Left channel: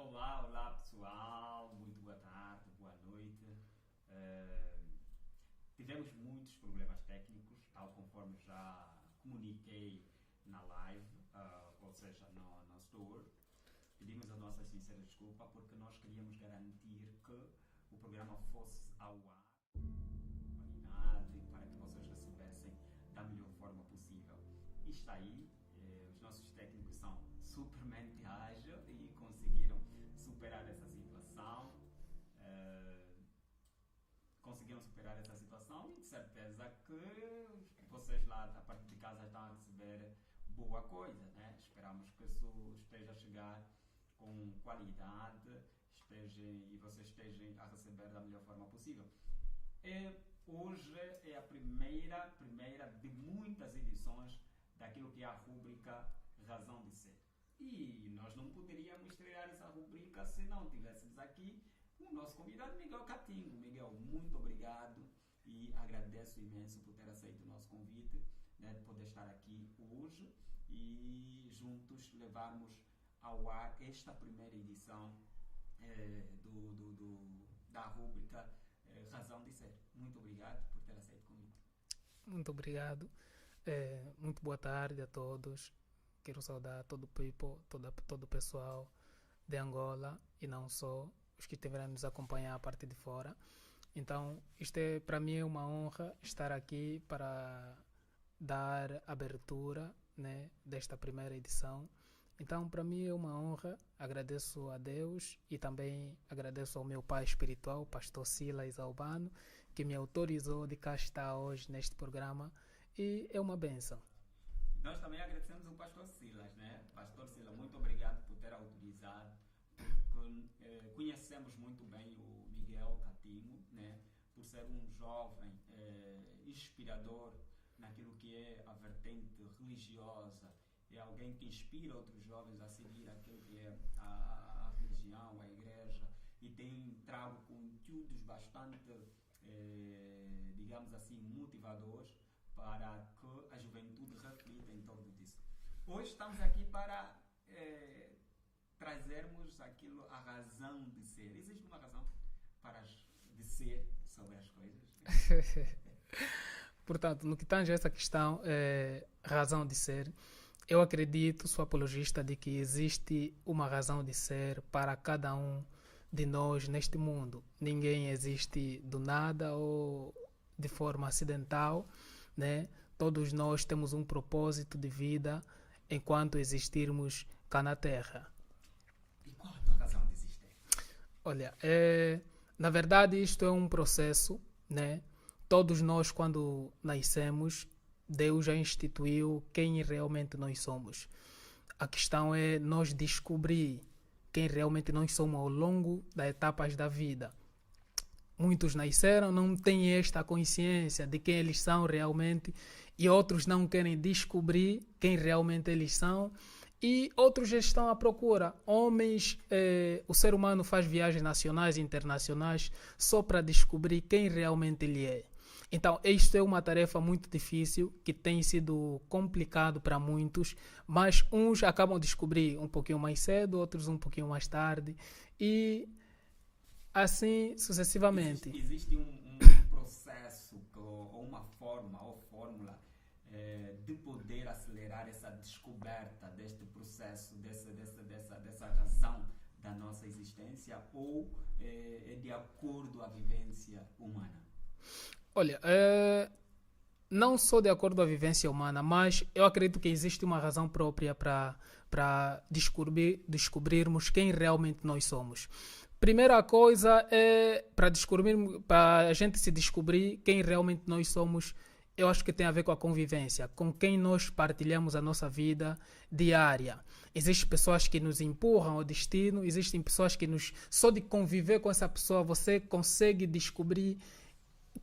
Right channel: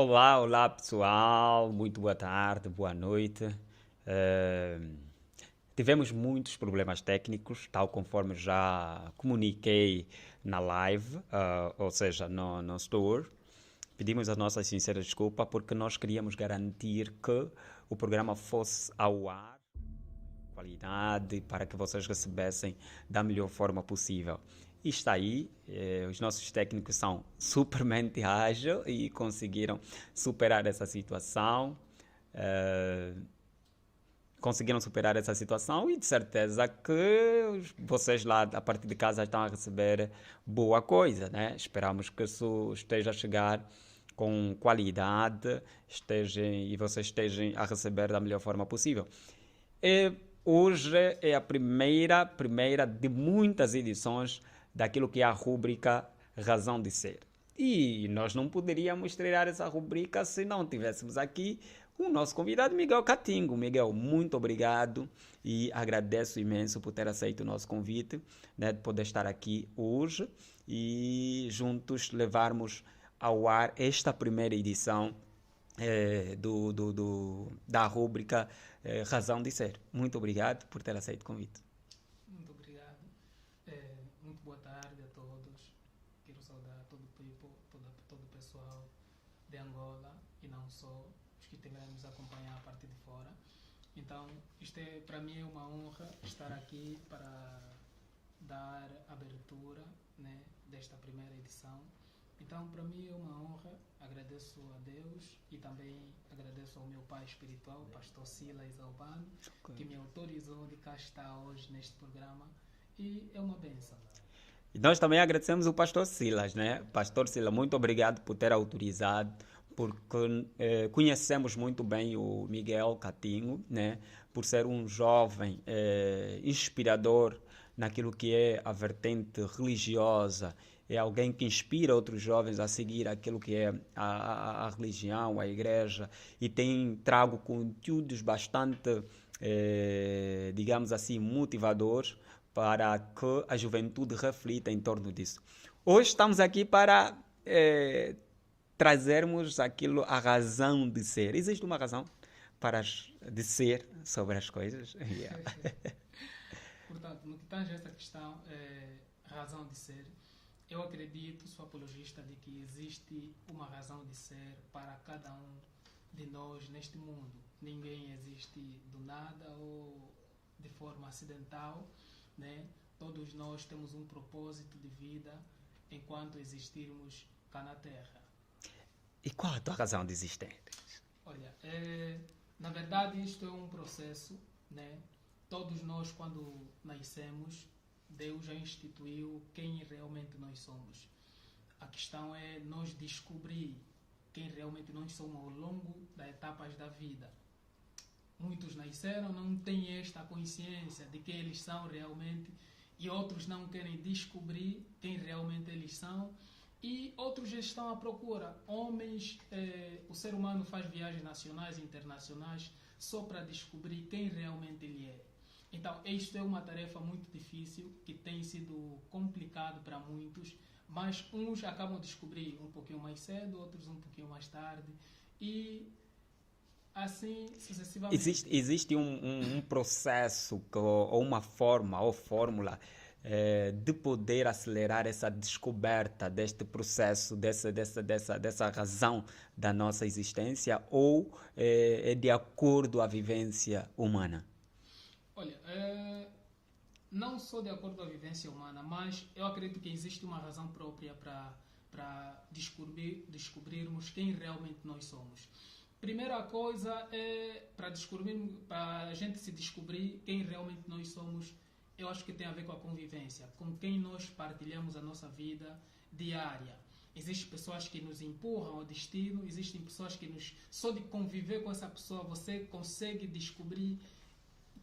Olá, olá pessoal, muito boa tarde, boa noite. Eh, Tivemos muitos problemas técnicos, tal conforme já comuniquei na live, ou seja, no store. Pedimos as nossas sinceras desculpas porque nós queríamos garantir que o programa fosse ao ar, qualidade, para que vocês recebessem da melhor forma possível. E está aí, os nossos técnicos são supermente ágeis e conseguiram superar essa situação. eh, Conseguiram superar essa situação e de certeza que vocês lá a partir de casa estão a receber boa coisa, né? Esperamos que isso esteja a chegar com qualidade e vocês estejam a receber da melhor forma possível. E hoje é a primeira de muitas edições daquilo que é a rúbrica Razão de Ser. E nós não poderíamos estrear essa rubrica se não tivéssemos aqui o nosso convidado Miguel Catingo. Miguel, muito obrigado e agradeço imenso por ter aceito o nosso convite, né, de poder estar aqui hoje e juntos levarmos ao ar esta primeira edição da rúbrica Razão de Ser. Muito obrigado por ter aceito o convite. Muito obrigado. Muito boa tarde a todos. Quero saudar todo o people, todo o pessoal de Angola e não só, os que estiverem nos acompanhar a partir de fora. Então, para mim é uma honra estar aqui para dar abertura, né, desta primeira edição. Então, para mim é uma honra. Agradeço a Deus e também agradeço ao meu pai espiritual, o pastor Silas Albano, que me autorizou de cá estar hoje neste programa e é uma benção. E nós também agradecemos o pastor Silas, né? Pastor Silas, muito obrigado por ter autorizado, porque conhecemos muito bem o Miguel Catinho, né? Por ser um jovem inspirador naquilo que é a vertente religiosa, é alguém que inspira outros jovens a seguir aquilo que é a religião, a igreja, e tem trago conteúdos bastante, digamos assim, motivadores para que a juventude reflita em torno disso. Hoje estamos aqui para trazermos aquilo, a razão de ser. Existe uma razão de ser sobre as coisas? Portanto, no que tange a essa questão, razão de ser, eu acredito, sou apologista de que existe uma razão de ser para cada um de nós neste mundo. Ninguém existe do nada ou de forma acidental, né? Todos nós temos um propósito de vida enquanto existirmos cá na Terra. E qual a tua razão de existir? Olha, na verdade isto é um processo, né? Todos nós, quando nascemos, Deus já instituiu quem realmente nós somos. A questão é nós descobrir quem realmente nós somos ao longo das etapas da vida. Muitos nasceram, não têm esta consciência de quem eles são realmente, e outros não querem descobrir quem realmente eles são, e outros já estão à procura. Homens, o ser humano faz viagens nacionais e internacionais só para descobrir quem realmente ele é. Então, isto é uma tarefa muito difícil, que tem sido complicado para muitos, mas uns acabam de descobrir um pouquinho mais cedo, outros um pouquinho mais tarde, e assim sucessivamente. Existe um processo ou uma forma ou fórmula de poder acelerar essa descoberta deste processo, dessa razão da nossa existência, ou é de acordo à vivência humana? Olha, não sou de acordo com a vivência humana, mas eu acredito que existe uma razão própria para descobrirmos quem realmente nós somos. Primeira coisa é para a gente se descobrir quem realmente nós somos. Eu acho que tem a ver com a convivência, com quem nós partilhamos a nossa vida diária. Existem pessoas que nos empurram ao destino, existem pessoas que só de conviver com essa pessoa você consegue descobrir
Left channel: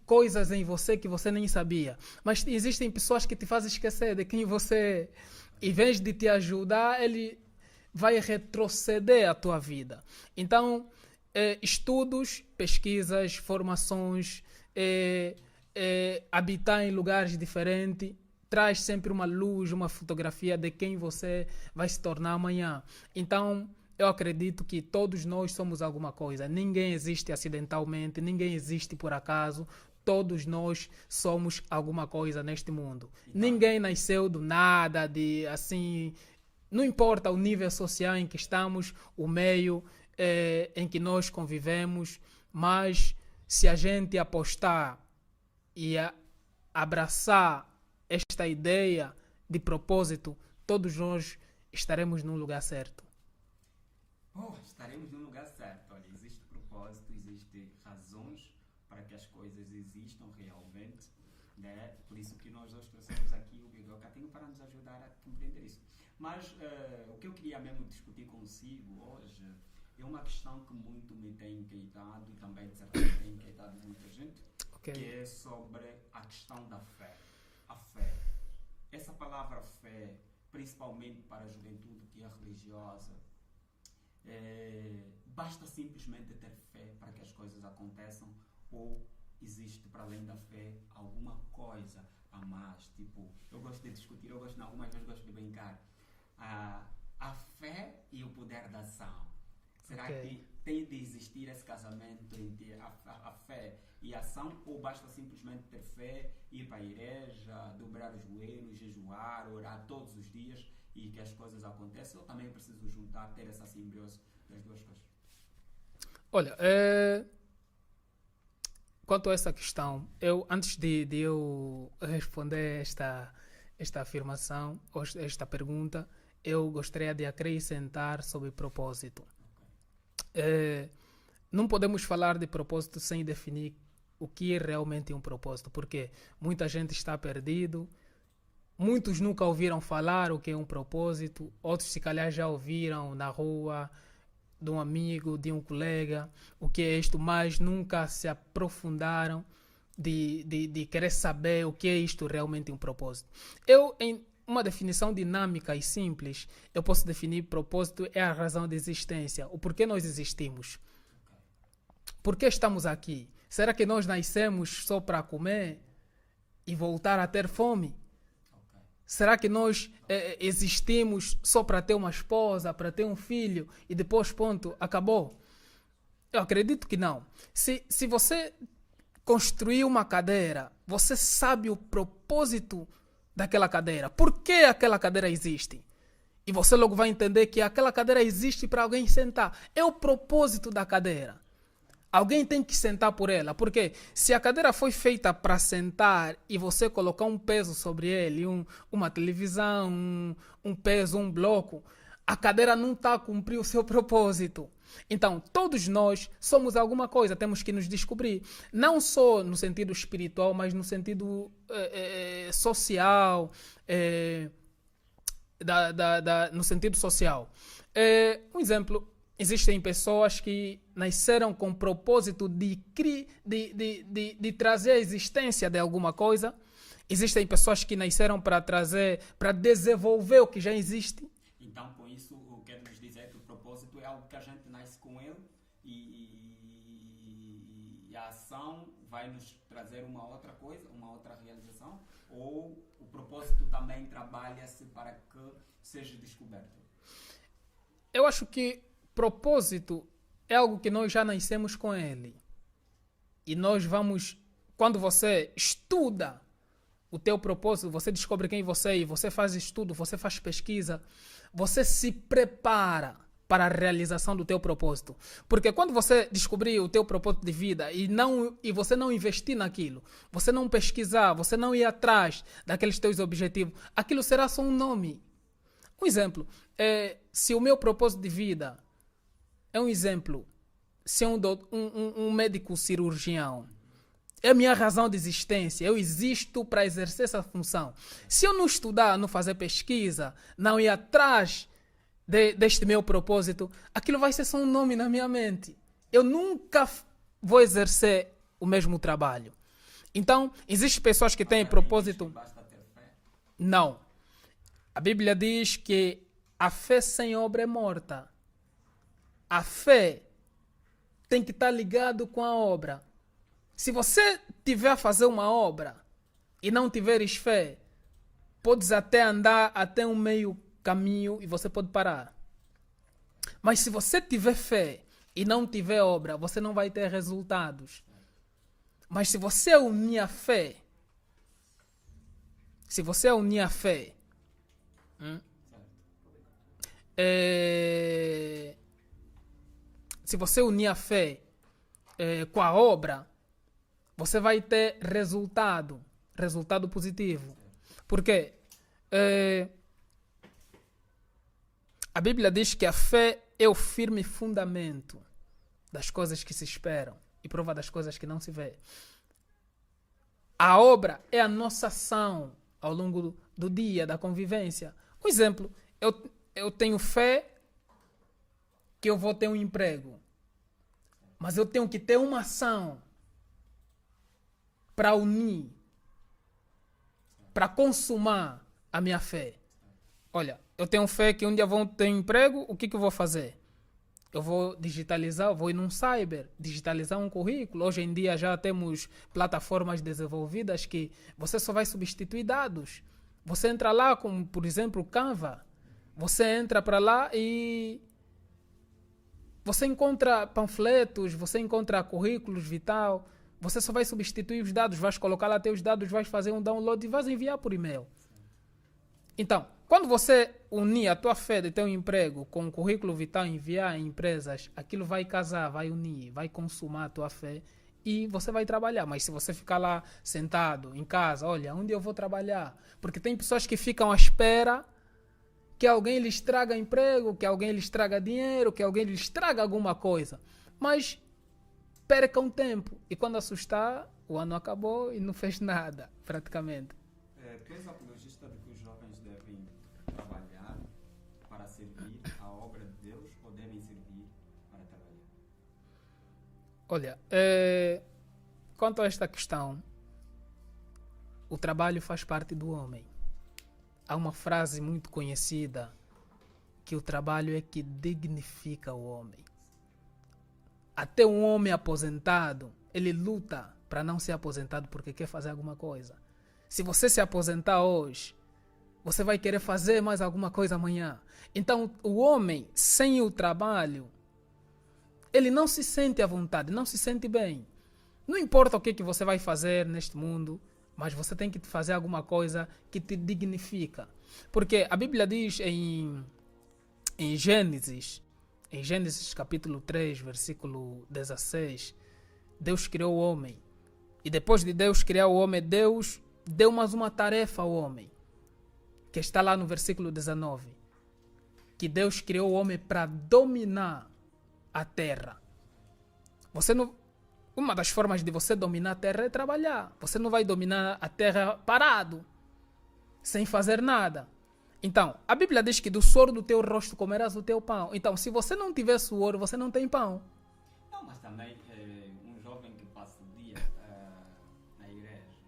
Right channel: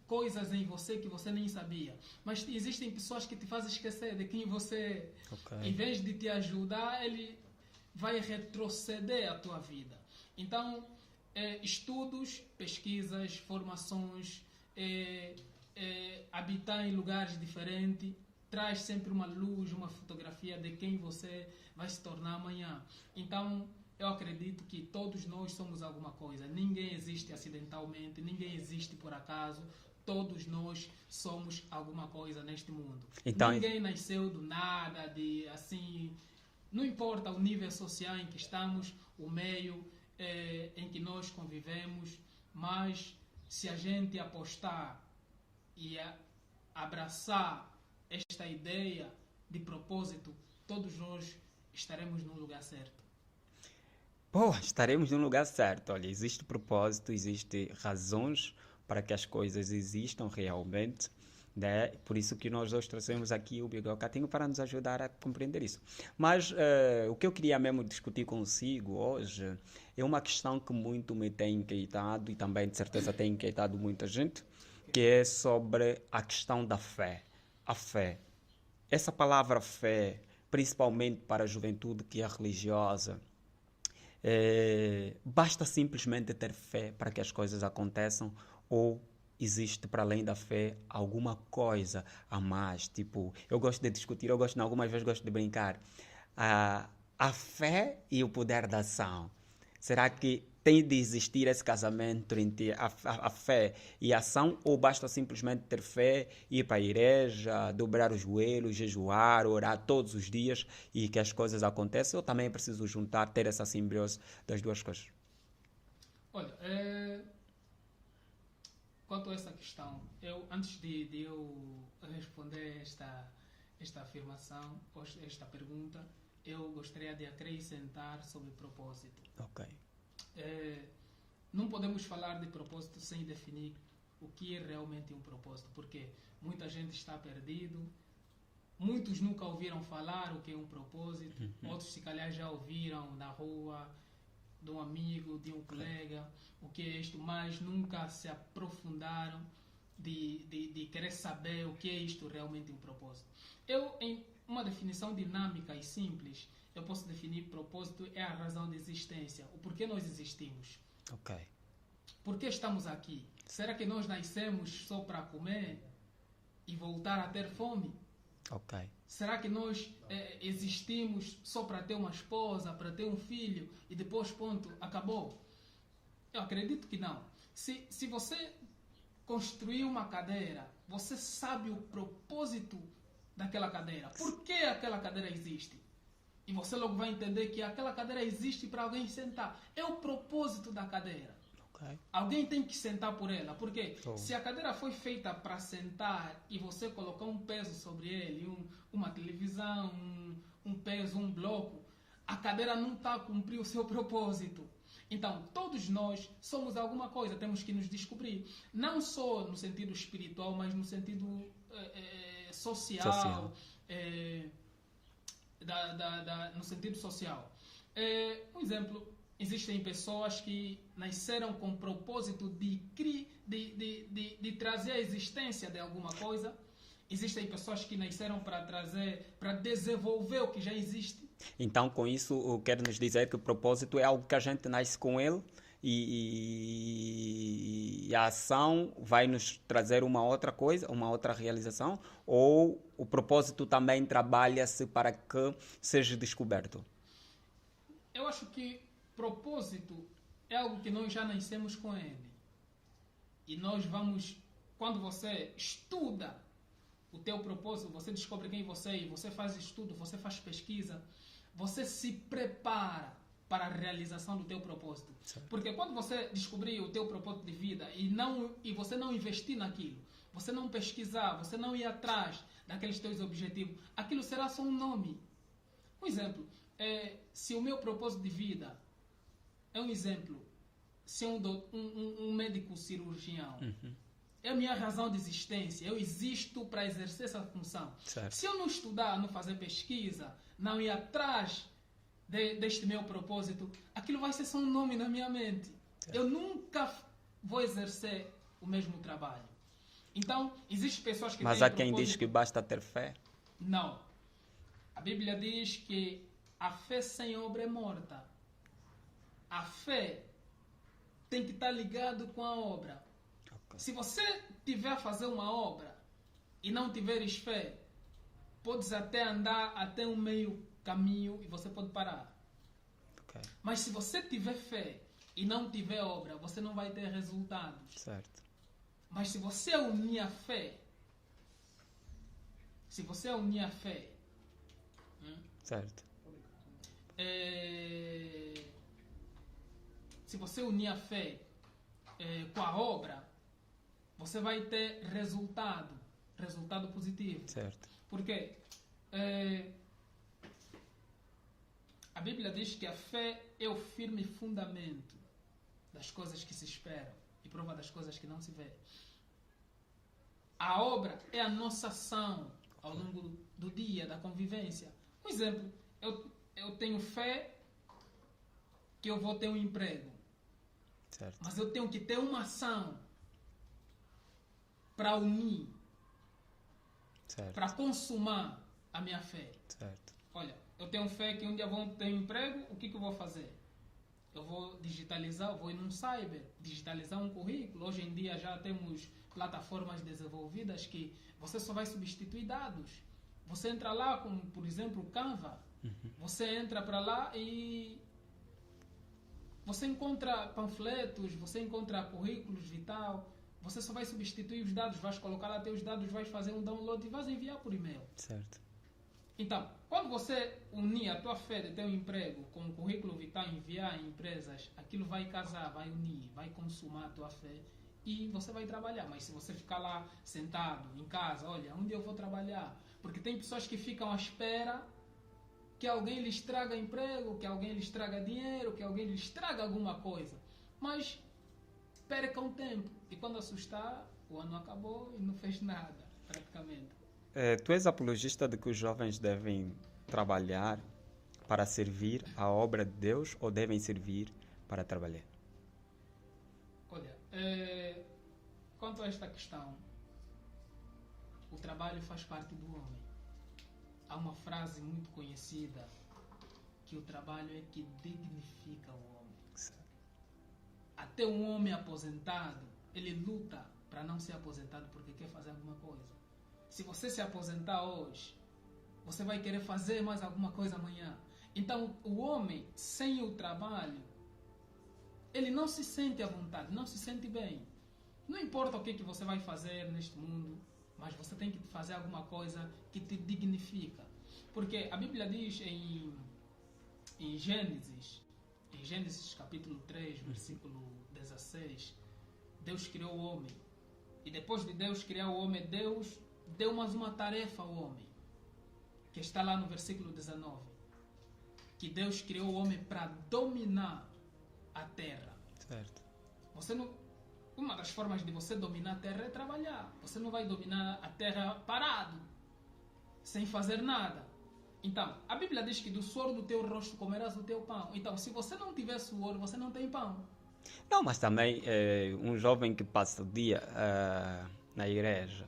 coisas em você que você nem sabia. Mas existem pessoas que te fazem esquecer de quem você é. Okay. Em vez de te ajudar, ele vai retroceder a tua vida. Então, estudos, pesquisas, formações, habitar em lugares diferentes, traz sempre uma luz, uma fotografia de quem você vai se tornar amanhã. Então, eu acredito que todos nós somos alguma coisa. Ninguém existe acidentalmente, ninguém existe por acaso. Todos nós somos alguma coisa neste mundo. Então, Ninguém nasceu do nada, de assim. Não importa o nível social em que estamos, o meio em que nós convivemos, mas se a gente apostar e abraçar esta ideia de propósito, todos nós estaremos no lugar certo. pô, estaremos no lugar certo. Olha, existe propósito, existe razões para que as coisas existam realmente, né? Por isso que nós hoje trouxemos aqui o Bigode Catinho para nos ajudar a compreender isso. Mas o que eu queria mesmo discutir consigo hoje é uma questão que muito me tem inquietado e também de certeza tem inquietado muita gente, que é sobre a questão da fé. A fé. Essa palavra fé, principalmente para a juventude que é religiosa, basta simplesmente ter fé para que as coisas aconteçam ou existe para além da fé alguma coisa a mais? Tipo, eu gosto de discutir, algumas vezes gosto de brincar. A fé e o poder da ação. Será que tem de existir esse casamento entre a fé e a ação ou basta simplesmente ter fé, ir para a igreja, dobrar os joelhos, jejuar, orar todos os dias e que as coisas aconteçam? Ou também é preciso juntar, ter essa simbiose das duas coisas? Olha, quanto a essa questão, antes de eu responder esta afirmação, ou esta pergunta, eu gostaria de acrescentar sobre propósito. Ok. Não podemos falar de propósito sem definir o que é realmente um propósito, porque muita gente está perdido, muitos nunca ouviram falar o que é um propósito, outros se calhar já ouviram na rua, de um amigo, de um colega, o que é isto, mas nunca se aprofundaram de querer saber o que é isto realmente um propósito. Em uma definição dinâmica e simples, eu posso definir propósito é a razão de existência, o porquê nós existimos. Ok. Por que estamos aqui? Será que nós nascemos só para comer e voltar a ter fome? Ok. Será que nós existimos só para ter uma esposa, para ter um filho e depois, ponto, acabou? Eu acredito que não. Se você construir uma cadeira, você sabe o propósito daquela cadeira. Por que aquela cadeira existe? E você logo vai entender que aquela cadeira existe para alguém sentar. É o propósito da cadeira. Alguém tem que sentar por ela, porque se a cadeira foi feita para sentar e você colocar um peso sobre ele, uma televisão, um peso, um bloco, a cadeira não está a cumprir o seu propósito. Então, todos nós somos alguma coisa, temos que nos descobrir. Não só no sentido espiritual, mas no sentido social. No sentido social. Um exemplo, existem pessoas que nasceram com o propósito de trazer a existência de alguma coisa. Existem pessoas que nasceram para desenvolver o que já existe. Então, com isso, quer nos dizer que o propósito é algo que a gente nasce com ele e a ação vai nos trazer uma outra coisa, uma outra realização? Ou o propósito também trabalha-se para que seja descoberto? Eu acho que propósito é algo que nós já nascemos com ele. E nós vamos... Quando você estuda o teu propósito, você descobre quem você é, e você faz estudo, você faz pesquisa, você se prepara para a realização do teu propósito. Porque quando você descobrir o teu propósito de vida e você não investir naquilo, você não pesquisar, você não ir atrás daqueles teus objetivos, aquilo será só um nome. Um exemplo, se o meu propósito de vida é um exemplo, ser um médico cirurgião, é a minha razão de existência, eu existo para exercer essa função. Certo. Se eu não estudar, não fazer pesquisa, não ir atrás deste meu propósito, aquilo vai ser só um nome na minha mente. Certo. Eu nunca vou exercer o mesmo trabalho. Então, existem pessoas que têm propósito... Mas há quem diz que basta ter fé? Não. A Bíblia diz que a fé sem obra é morta. A fé tem que estar ligado com a obra. Se você tiver a fazer uma obra e não tiveres fé, podes até andar até um meio caminho e você pode parar. Okay. Mas se você tiver fé e não tiver obra, você não vai ter resultados. Certo. Mas se você unir a fé, Certo. se você unir a fé com a obra, você vai ter resultado positivo. Certo. Porque a Bíblia diz que a fé é o firme fundamento das coisas que se esperam e prova das coisas que não se vê. A obra é a nossa ação ao longo do dia, da convivência. Um exemplo, eu tenho fé que eu vou ter um emprego, Certo. mas eu tenho que ter uma ação para unir, Certo. para consumar a minha fé. Certo. Olha, eu tenho fé que um dia vou ter um emprego, o que eu vou fazer? Eu vou digitalizar, eu vou ir num cyber, digitalizar um currículo. Hoje em dia já temos plataformas desenvolvidas que você só vai substituir dados. Você entra lá, como por exemplo o Canva. Você entra para lá e você encontra panfletos, você encontra currículos vital. Você só vai substituir os dados, vais colocar lá teus dados, vais fazer um download e vais enviar por e-mail. Certo. Então, quando você unir a tua fé de ter um emprego com um currículo vital, enviar em empresas, aquilo vai casar, vai unir, vai consumar a tua fé e você vai trabalhar. Mas se você ficar lá sentado em casa, olha, onde eu vou trabalhar? Porque tem pessoas que ficam à espera que alguém lhes traga emprego, que alguém lhes traga dinheiro, que alguém lhes traga alguma coisa. Mas percam tempo. E quando assustar, o ano acabou e não fez nada, praticamente. Tu és apologista de que os jovens devem trabalhar para servir a obra de Deus ou devem servir para trabalhar? Olha, quanto a esta questão, o trabalho faz parte do homem. Há uma frase muito conhecida que o trabalho é que dignifica o homem. Até um homem aposentado, ele luta para não ser aposentado porque quer fazer alguma coisa. Se você se aposentar hoje, você vai querer fazer mais alguma coisa amanhã. Então, o homem, sem o trabalho, ele não se sente à vontade, não se sente bem. Não importa o que você vai fazer neste mundo, mas você tem que fazer alguma coisa que te dignifica. Porque a Bíblia diz em Gênesis capítulo 3, versículo 16, Deus criou o homem. E depois de Deus criar o homem, Deus deu mais uma tarefa ao homem, que está lá no versículo 19, que Deus criou o homem para dominar a terra. Certo. Uma das formas de você dominar a terra é trabalhar. Você não vai dominar a terra parado, sem fazer nada. Então, a Bíblia diz que do suor do teu rosto comerás o teu pão. Então, se você não tiver suor, você não tem pão. Não, mas também um jovem que passa o dia na igreja,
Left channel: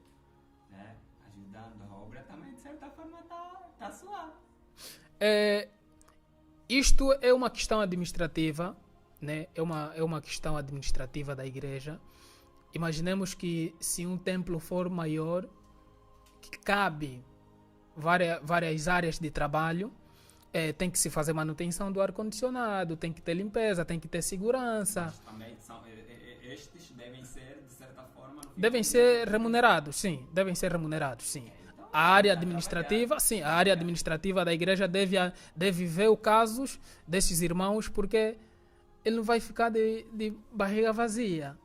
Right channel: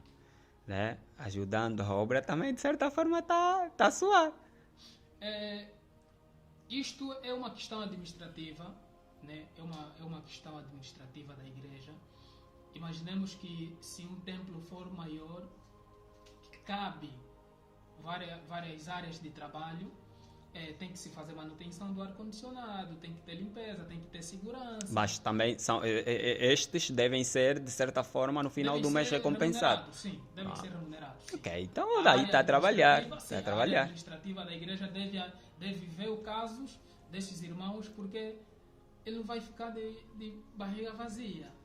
né, ajudando a obra, também de certa forma está a suar. Isto é uma questão administrativa, né? É uma questão administrativa da igreja. Imaginemos que se um templo for maior, que cabe várias áreas de trabalho, tem que se fazer manutenção do ar-condicionado, tem que ter limpeza, tem que ter segurança. Mas também estes devem ser, de certa forma, no final Devem do mês ser remunerados, sim. Devem ser remunerados, sim. Ok, então A área administrativa, sim, tá a área administrativa da igreja deve ver os casos desses irmãos, porque ele não vai ficar de barriga vazia.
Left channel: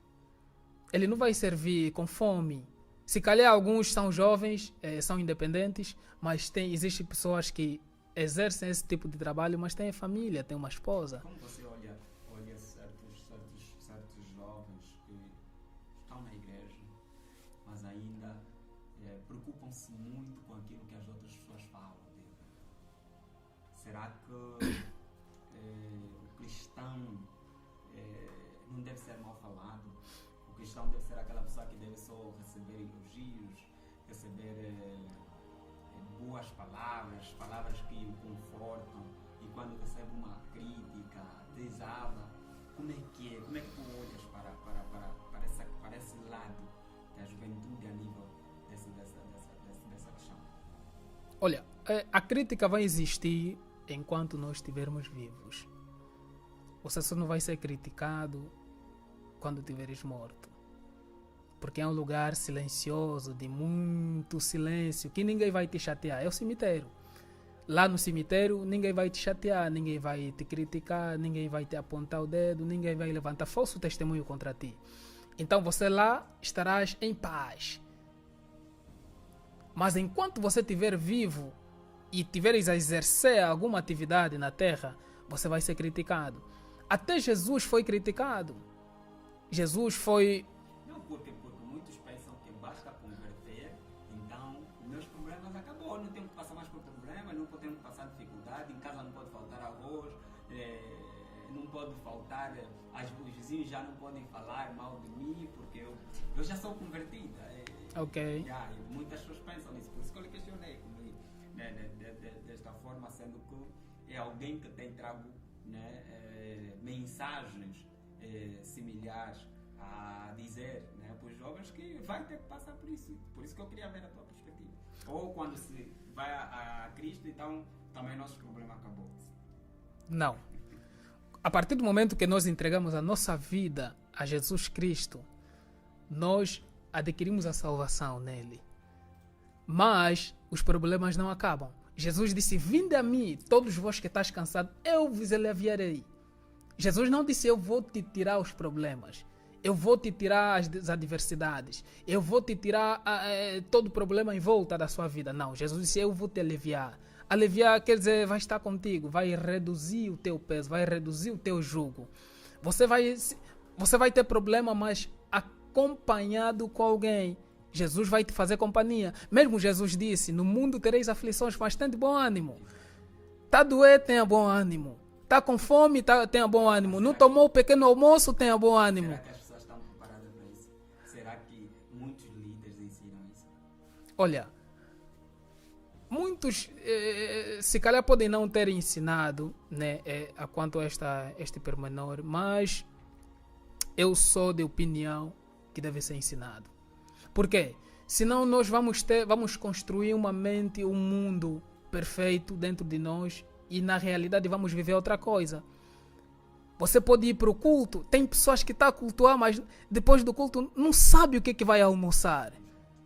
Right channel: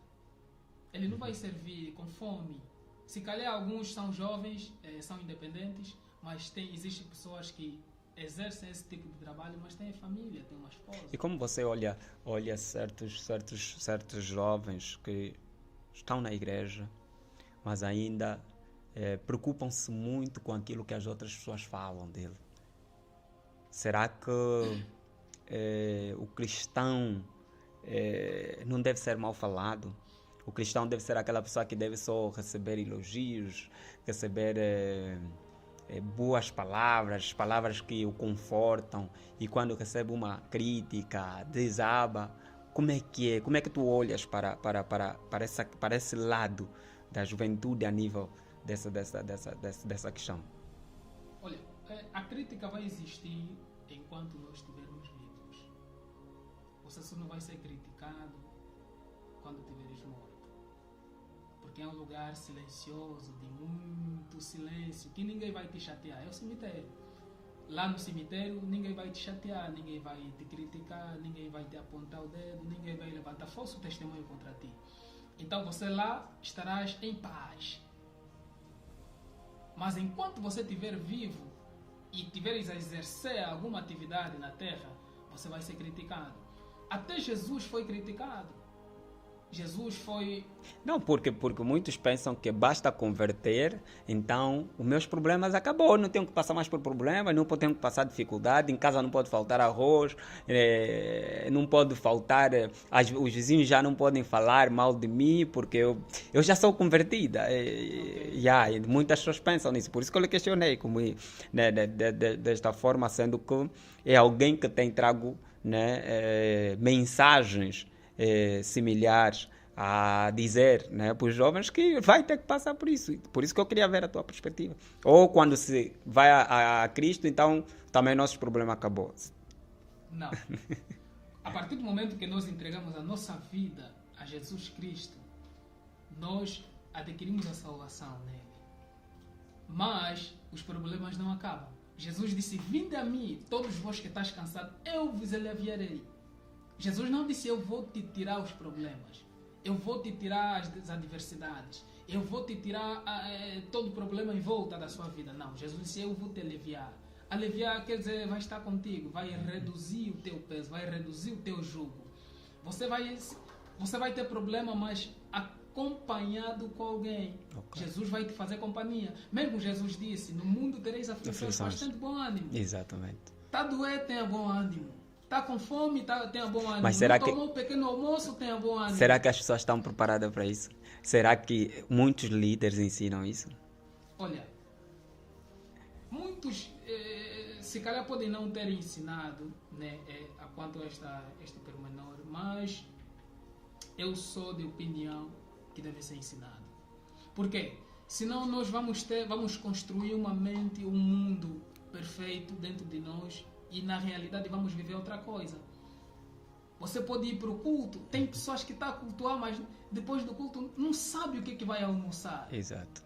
Ele não vai servir com fome. Se calhar alguns são jovens, são independentes, mas existem pessoas que exercem esse tipo de trabalho, mas têm família, têm uma esposa. E como você olha certos jovens que estão na igreja, mas ainda preocupam-se muito com aquilo que as outras pessoas falam dele? Será que o cristão não deve ser mal falado? O cristão deve ser aquela pessoa que deve só receber elogios, receber boas palavras, palavras que o confortam, e quando recebe uma crítica, desaba. Como é que tu olhas para esse lado da juventude a nível dessa questão? Olha, a crítica vai existir enquanto nós estivermos vivos. você só não vai ser criticado quando estiveres morto. Porque é um lugar silencioso, de muito silêncio, que ninguém vai te chatear. É o cemitério. Lá no cemitério, ninguém vai te chatear, ninguém vai te criticar, ninguém vai te apontar o dedo, ninguém vai levantar falso testemunho contra ti. Então você lá estarás em paz. Mas enquanto você estiver vivo e tiveres a exercer alguma atividade na terra, você vai ser criticado. Até Jesus foi criticado. Jesus foi... Não, porque muitos pensam que basta converter, então os meus problemas acabou, não tenho que passar mais por problemas, não tenho que passar dificuldade, em casa não pode faltar arroz, não pode faltar, os vizinhos já não podem falar mal de mim, porque eu já sou convertida. Okay. Muitas pessoas pensam nisso, por isso que eu lhe questionei, como, né, desta forma, sendo que é alguém que tem trago, né, mensagens similares a dizer, né, para os jovens que vai ter que passar por isso. Por isso que eu queria ver a tua perspectiva. Ou quando se vai a Cristo, então também nossos problemas acabou. Não. A partir do momento que nós entregamos a nossa vida a Jesus Cristo, nós adquirimos a salvação nele. Mas os problemas não acabam. Jesus disse: vinde a mim, todos vós que estáis cansados, eu vos aliviarei. Jesus não disse: eu vou te tirar os problemas. Eu vou te tirar as adversidades. Eu vou te tirar todo o problema em volta da sua vida. Não, Jesus disse: eu vou te aliviar. Aliviar quer dizer, vai estar contigo, vai reduzir o teu peso, vai reduzir o teu jugo. Você vai ter problema, mas acompanhado com alguém. Jesus vai te fazer companhia. Mesmo Jesus disse: no mundo tereis aflições, mas tenha bom ânimo. Exatamente. Está doente, tenha bom ânimo. Está com fome, tenha bom ânimo. Não tomou o pequeno almoço, tenha bom ânimo. Será que as pessoas estão preparadas para isso? Será que muitos líderes ensinam isso? Olha, muitos se calhar podem não ter ensinado, né, a quanto a este pormenor, mas eu sou de opinião que deve ser ensinado. Por quê? Senão nós vamos construir uma mente, um mundo perfeito dentro de nós, e na realidade vamos viver outra coisa. Você pode ir para o culto, tem pessoas que estão a cultuar, mas depois do culto não sabe o que vai almoçar. Exato.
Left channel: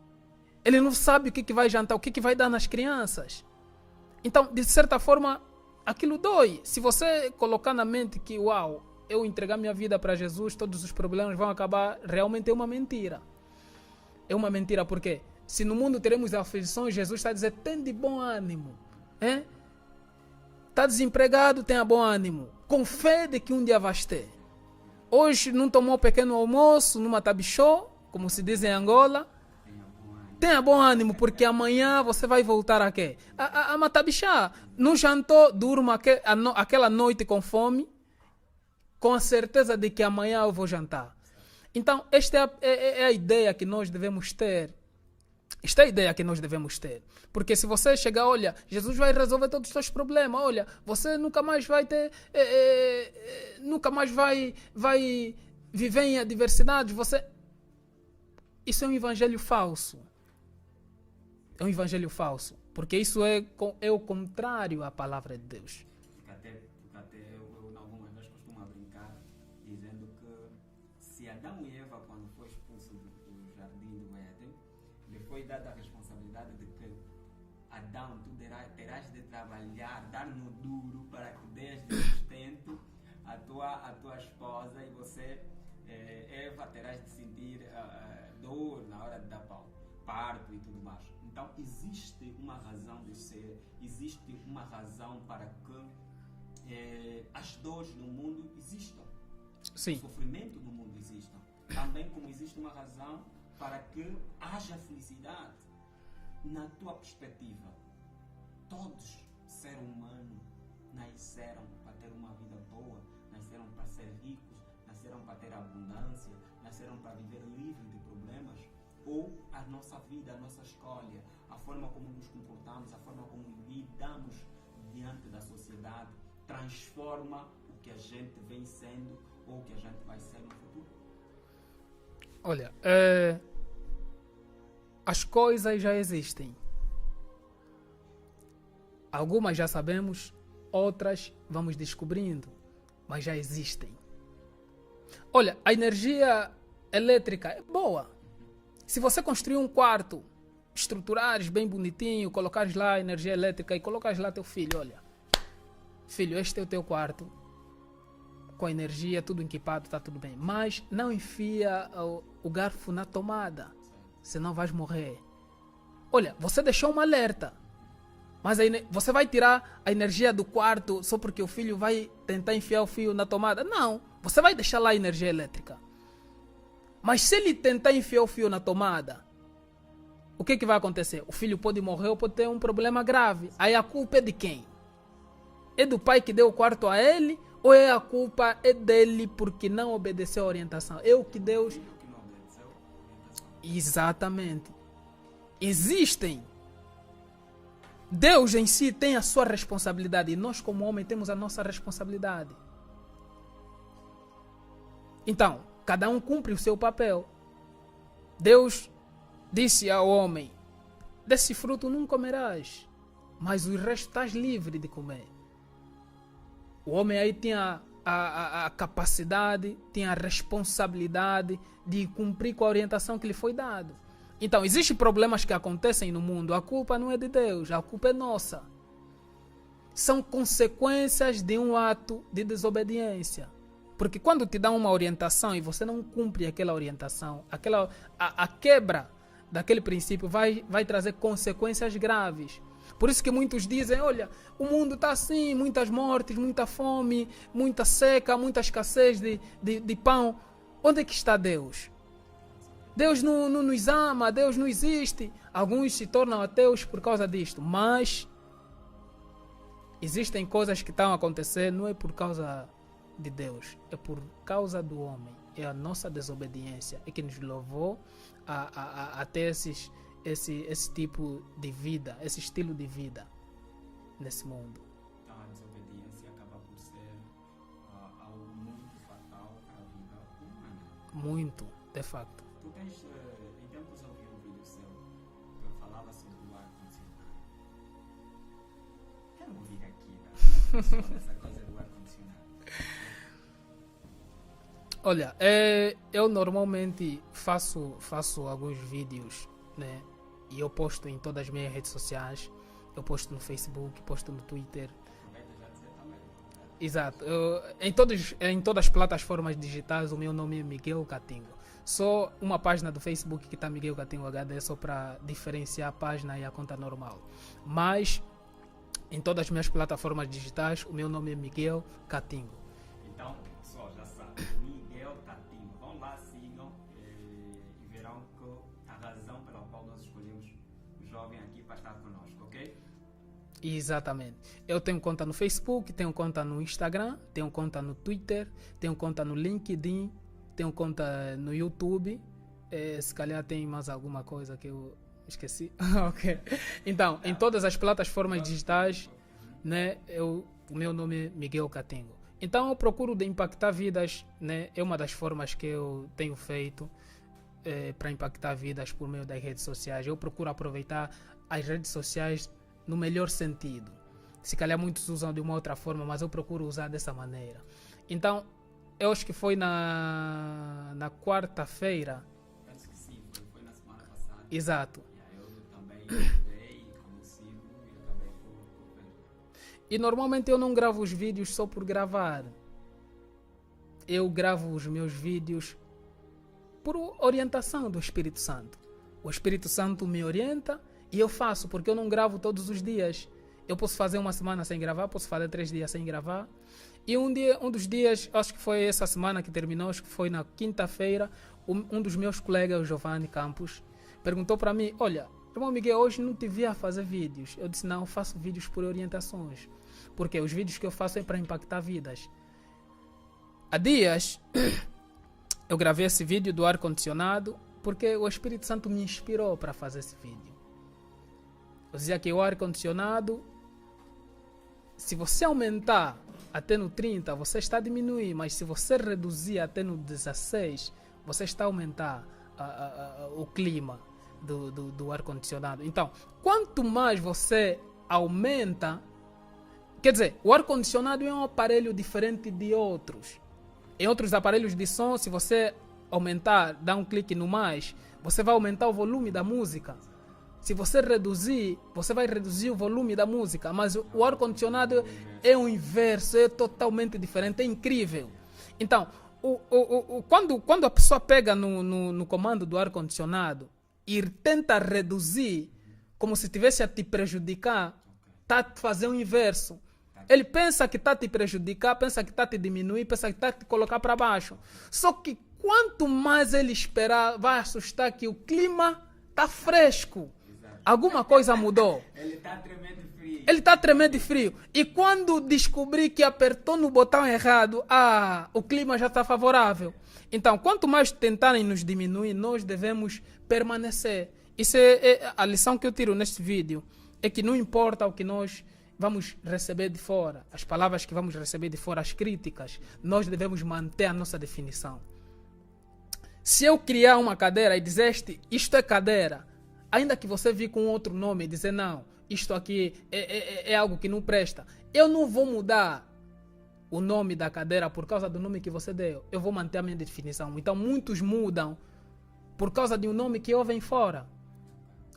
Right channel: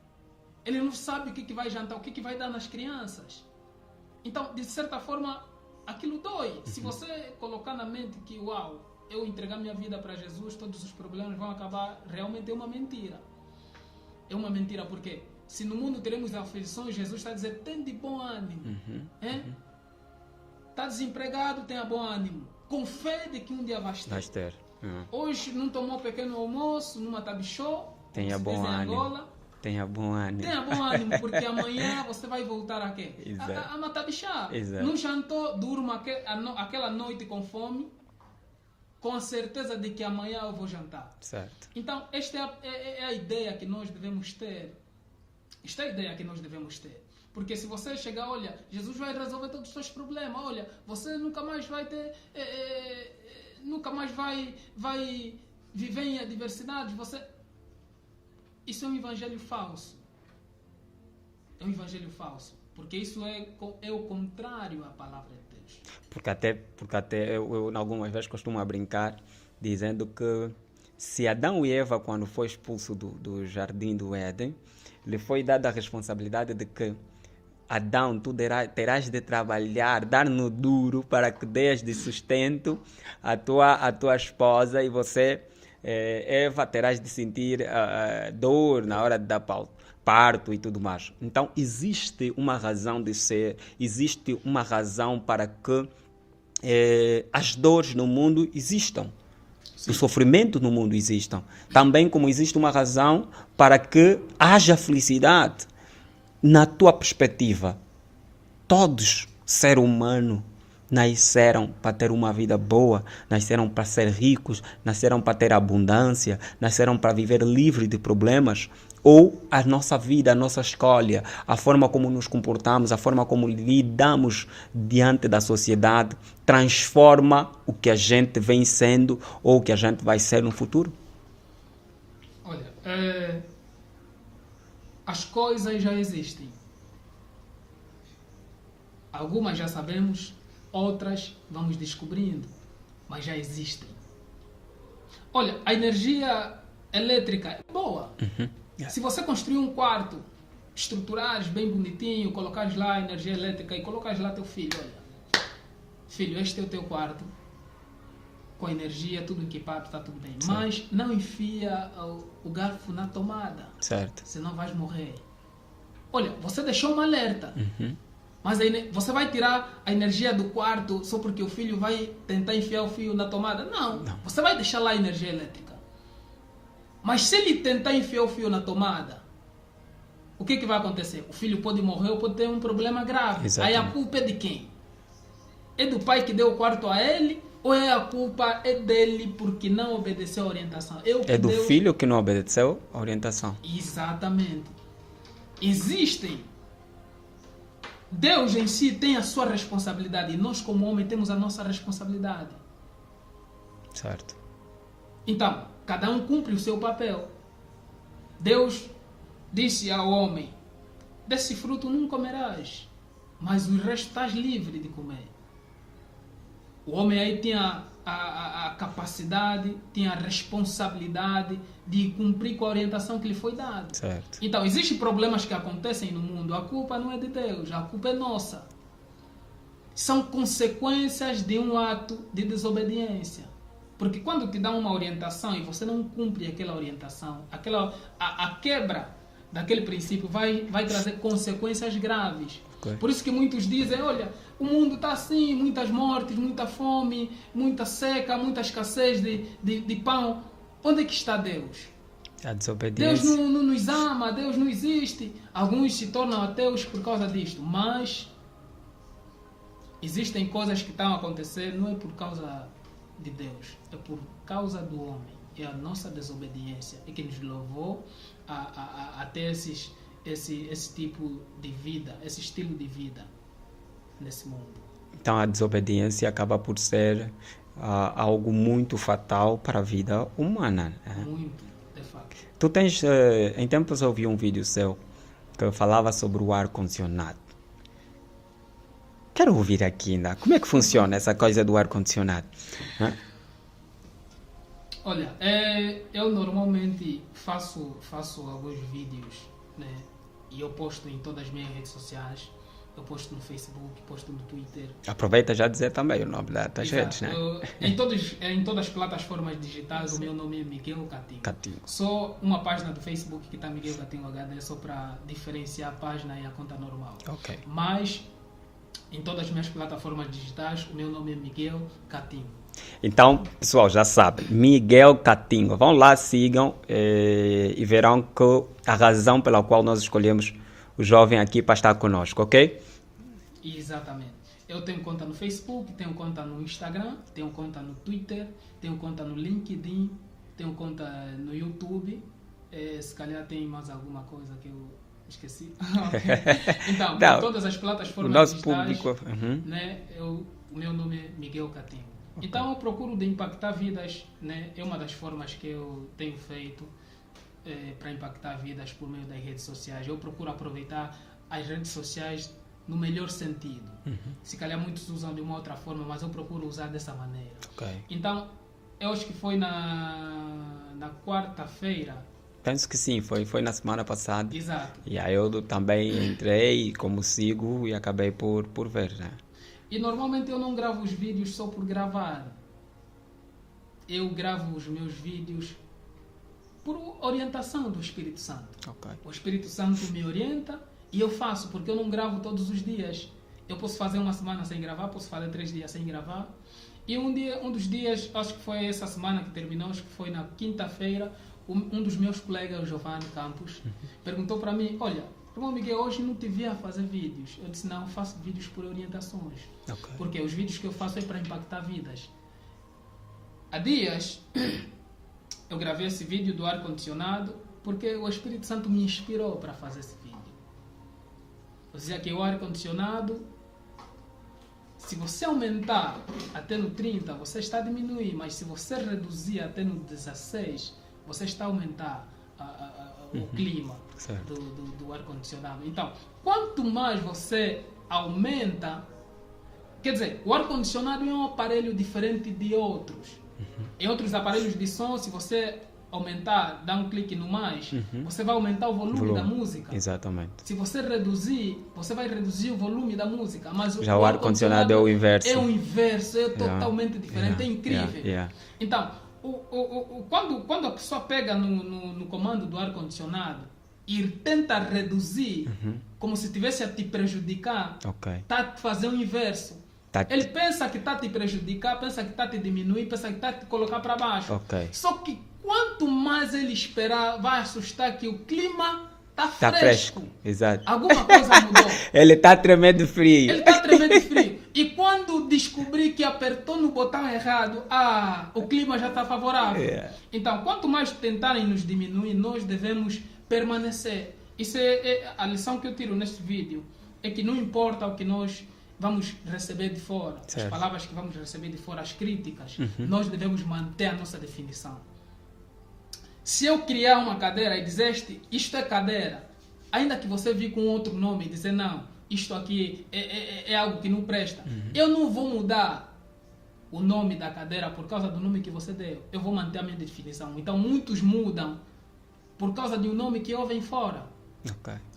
Ele não sabe o que vai jantar, o que vai dar nas crianças. Então, de certa forma, aquilo dói. Se você colocar na mente que, uau, eu entregar minha vida para Jesus, todos os problemas vão acabar, realmente é uma mentira. É uma mentira, porque se no mundo teremos aflições, Jesus está a dizer: tem de bom ânimo. Está desempregado, tenha bom ânimo. Com fé de que um dia vais ter. Hoje não tomou pequeno almoço numa tabichô, como se diz em Angola. Tenha bom ânimo. Tenha bom ânimo, porque amanhã você vai voltar a quê? A matabichá. Não jantou, durma aquela noite com fome, com a certeza de que amanhã eu vou jantar. Certo. Então, esta é a ideia que nós devemos ter. Esta é a ideia que nós devemos ter. Porque se você chegar, olha, Jesus vai resolver todos os seus problemas, olha, você nunca mais vai ter, nunca mais vai viver em adversidades, isso é um evangelho falso. É um evangelho falso. Porque isso é o contrário à palavra de Deus. Porque até eu algumas vezes costumo brincar dizendo que se Adão e Eva, quando foi expulso do jardim do Éden, lhe foi dada a responsabilidade de que Adão, tu terás de trabalhar, dar no duro para que dês de sustento à tua esposa, e você, Eva, terás de sentir dor na hora de dar parto e tudo mais. Então, existe uma razão de ser, existe uma razão para que as dores no mundo existam. Sim. O sofrimento no mundo existam. Também como existe uma razão para que haja felicidade. Na tua perspectiva, todos, ser humano, nasceram para ter uma vida boa, nasceram para ser ricos, nasceram para ter abundância, nasceram para viver livre de problemas? Ou a nossa vida, a nossa escolha, a forma como nos comportamos, a forma como lidamos diante da sociedade, transforma o que a gente vem sendo ou o que a gente vai ser no futuro? Olha, as coisas já existem. Algumas já sabemos, outras vamos descobrindo. mas já existem. Olha, a energia elétrica é boa. Se você construir um quarto, estruturares bem bonitinho, colocares lá a energia elétrica e colocares lá teu filho, olha, filho, este é o teu quarto, com a energia, tudo equipado, está tudo bem. Sim. Mas não enfia o garfo na tomada, certo, senão vais morrer. Olha, você deixou um alerta, mas aí você vai tirar a energia do quarto só porque o filho vai tentar enfiar o fio na tomada? Não. Você vai deixar lá a energia elétrica. Mas se ele tentar enfiar o fio na tomada, o que vai acontecer? O filho pode morrer ou pode ter um problema grave. Exatamente. Aí a culpa é de quem? É do pai que deu o quarto a ele? Ou é a culpa é dele porque não obedeceu a orientação? É do filho que não obedeceu a orientação. Exatamente. Existem. Deus em si tem a sua responsabilidade e nós como homem temos a nossa responsabilidade. Certo. Então, cada um cumpre o seu papel. Deus disse ao homem, desse fruto não comerás, mas o resto estás livre de comer. O homem aí tinha a capacidade, tinha a responsabilidade de cumprir com a orientação que lhe foi dada. Certo. Então, existem problemas que acontecem no mundo, a culpa não é de Deus, a culpa é nossa. São consequências de um ato de desobediência. Porque quando te dão uma orientação e você não cumpre aquela orientação, a quebra daquele princípio vai trazer consequências graves. Okay. Por isso que muitos dizem, olha, o mundo está assim, muitas mortes, muita fome, muita seca, muita escassez de pão. Onde é que está Deus? A desobediência. Deus não nos ama, Deus não existe. Alguns se tornam ateus por causa disto, mas existem coisas que estão a acontecer, não é por causa de Deus, é por causa do homem. É a nossa desobediência que nos levou a ter esse tipo de vida, esse estilo de vida nesse mundo. Então a desobediência acaba por ser algo muito fatal para a vida humana. Muito, de facto. Tu tens, em tempos eu vi um vídeo seu que falava sobre o ar-condicionado. Quero ouvir aqui ainda. Como é que funciona essa coisa do ar-condicionado? Olha, eu normalmente faço alguns vídeos, né? E eu posto em todas as minhas redes sociais. Eu posto no Facebook, posto no Twitter. Aproveita já dizer também o nome das redes, né? Em todas as plataformas digitais, o meu nome é Miguel Catingo. Só uma página do Facebook que está Miguel Catingo HD, só para diferenciar a página e a conta normal. Okay. Mas em todas as minhas plataformas digitais, o meu nome é Miguel Catingo. Então, pessoal, já sabe, Miguel Catingo. Vão lá, sigam e verão que a razão pela qual nós escolhemos o jovem aqui para estar conosco, ok? Exatamente. Eu tenho conta no Facebook, tenho conta no Instagram, tenho conta no Twitter, tenho conta no LinkedIn, tenho conta no YouTube. Se calhar tem mais alguma coisa que eu esqueci. Okay. Então, em todas as plataformas digitais, né, o meu nome é Miguel Catingo. Então, eu procuro de impactar vidas, né? É uma das formas que eu tenho feito para impactar vidas por meio das redes sociais. Eu procuro aproveitar as redes sociais no melhor sentido. Se calhar muitos usam de uma outra forma, mas eu procuro usar dessa maneira. Okay. Então, eu acho que foi na quarta-feira. Penso que sim, foi na semana passada. Exato. E aí eu também entrei, como sigo, e acabei por ver, né? E normalmente eu não gravo os vídeos só por gravar. Eu gravo os meus vídeos por orientação do Espírito Santo. Okay. O Espírito Santo me orienta e eu faço, porque eu não gravo todos os dias. Eu posso fazer uma semana sem gravar, posso fazer 3 dias sem gravar. E um dos dias, acho que foi essa semana que terminou, acho que foi na quinta-feira, um dos meus colegas, o Giovanni Campos, perguntou para mim, olha, irmão Miguel, hoje não te via fazer vídeos. Eu disse, não, eu faço vídeos por orientações. Okay. Porque os vídeos que eu faço é para impactar vidas. Há dias, eu gravei esse vídeo do ar-condicionado porque o Espírito Santo me inspirou para fazer esse vídeo. Eu dizia que o ar-condicionado, se você aumentar até no 30, você está a diminuir. Mas se você reduzir até no 16, você está a aumentar o clima do ar-condicionado. Então, quanto mais você aumenta, Quer dizer, o ar-condicionado é um aparelho diferente de outros. Em outros aparelhos de som, se você aumentar, dar um clique no mais, você vai aumentar o volume da música. Exatamente. Se você reduzir, você vai reduzir o volume da música. Mas Já o ar-condicionado é o inverso. É o inverso, é totalmente diferente, é incrível. Então, quando a pessoa pega no comando do ar-condicionado e tenta reduzir, como se estivesse a te prejudicar, está a fazer o inverso. Ele pensa que está a te prejudicar, pensa que está a te diminuir, pensa que está a te colocar para baixo. Só que quanto mais ele esperar, vai assustar que o clima está fresco. Exato. Alguma coisa mudou. Ele está tremendo frio. Ele está tremendo frio. E quando descobrir que apertou no botão errado, o clima já está favorável. Então, quanto mais tentarem nos diminuir, nós devemos permanecer. Isso é a lição que eu tiro neste vídeo. É que não importa o que nós vamos receber de fora, as palavras que vamos receber de fora, as críticas, nós devemos manter a nossa definição. Se eu criar uma cadeira e dizer isto é cadeira, ainda que você vir com outro nome e dizer não, isto aqui é algo que não presta, eu não vou mudar o nome da cadeira por causa do nome que você deu. Eu vou manter a minha definição. Então muitos mudam por causa de um nome que ouvem fora.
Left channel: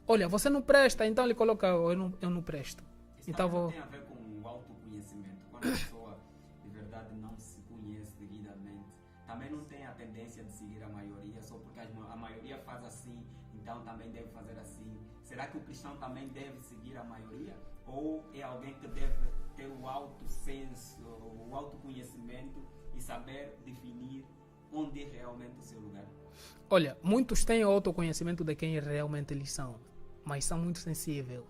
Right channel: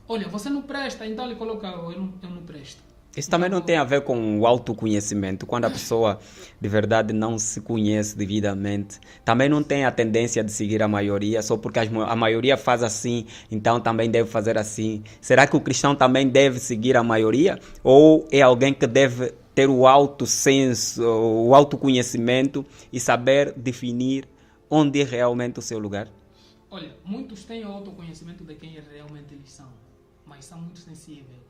Olha, você não presta, então ele coloca eu não presto. Isso também não tem a ver com o autoconhecimento. Quando a pessoa de verdade não se conhece devidamente, também não tem a tendência de seguir a maioria, só porque a maioria faz assim, então também deve fazer assim. Será que o cristão também deve seguir a maioria? Ou é alguém que deve ter o autossenso, o autoconhecimento e saber definir onde é realmente o seu lugar? Olha, muitos têm o autoconhecimento de quem realmente eles são, mas são muito sensíveis.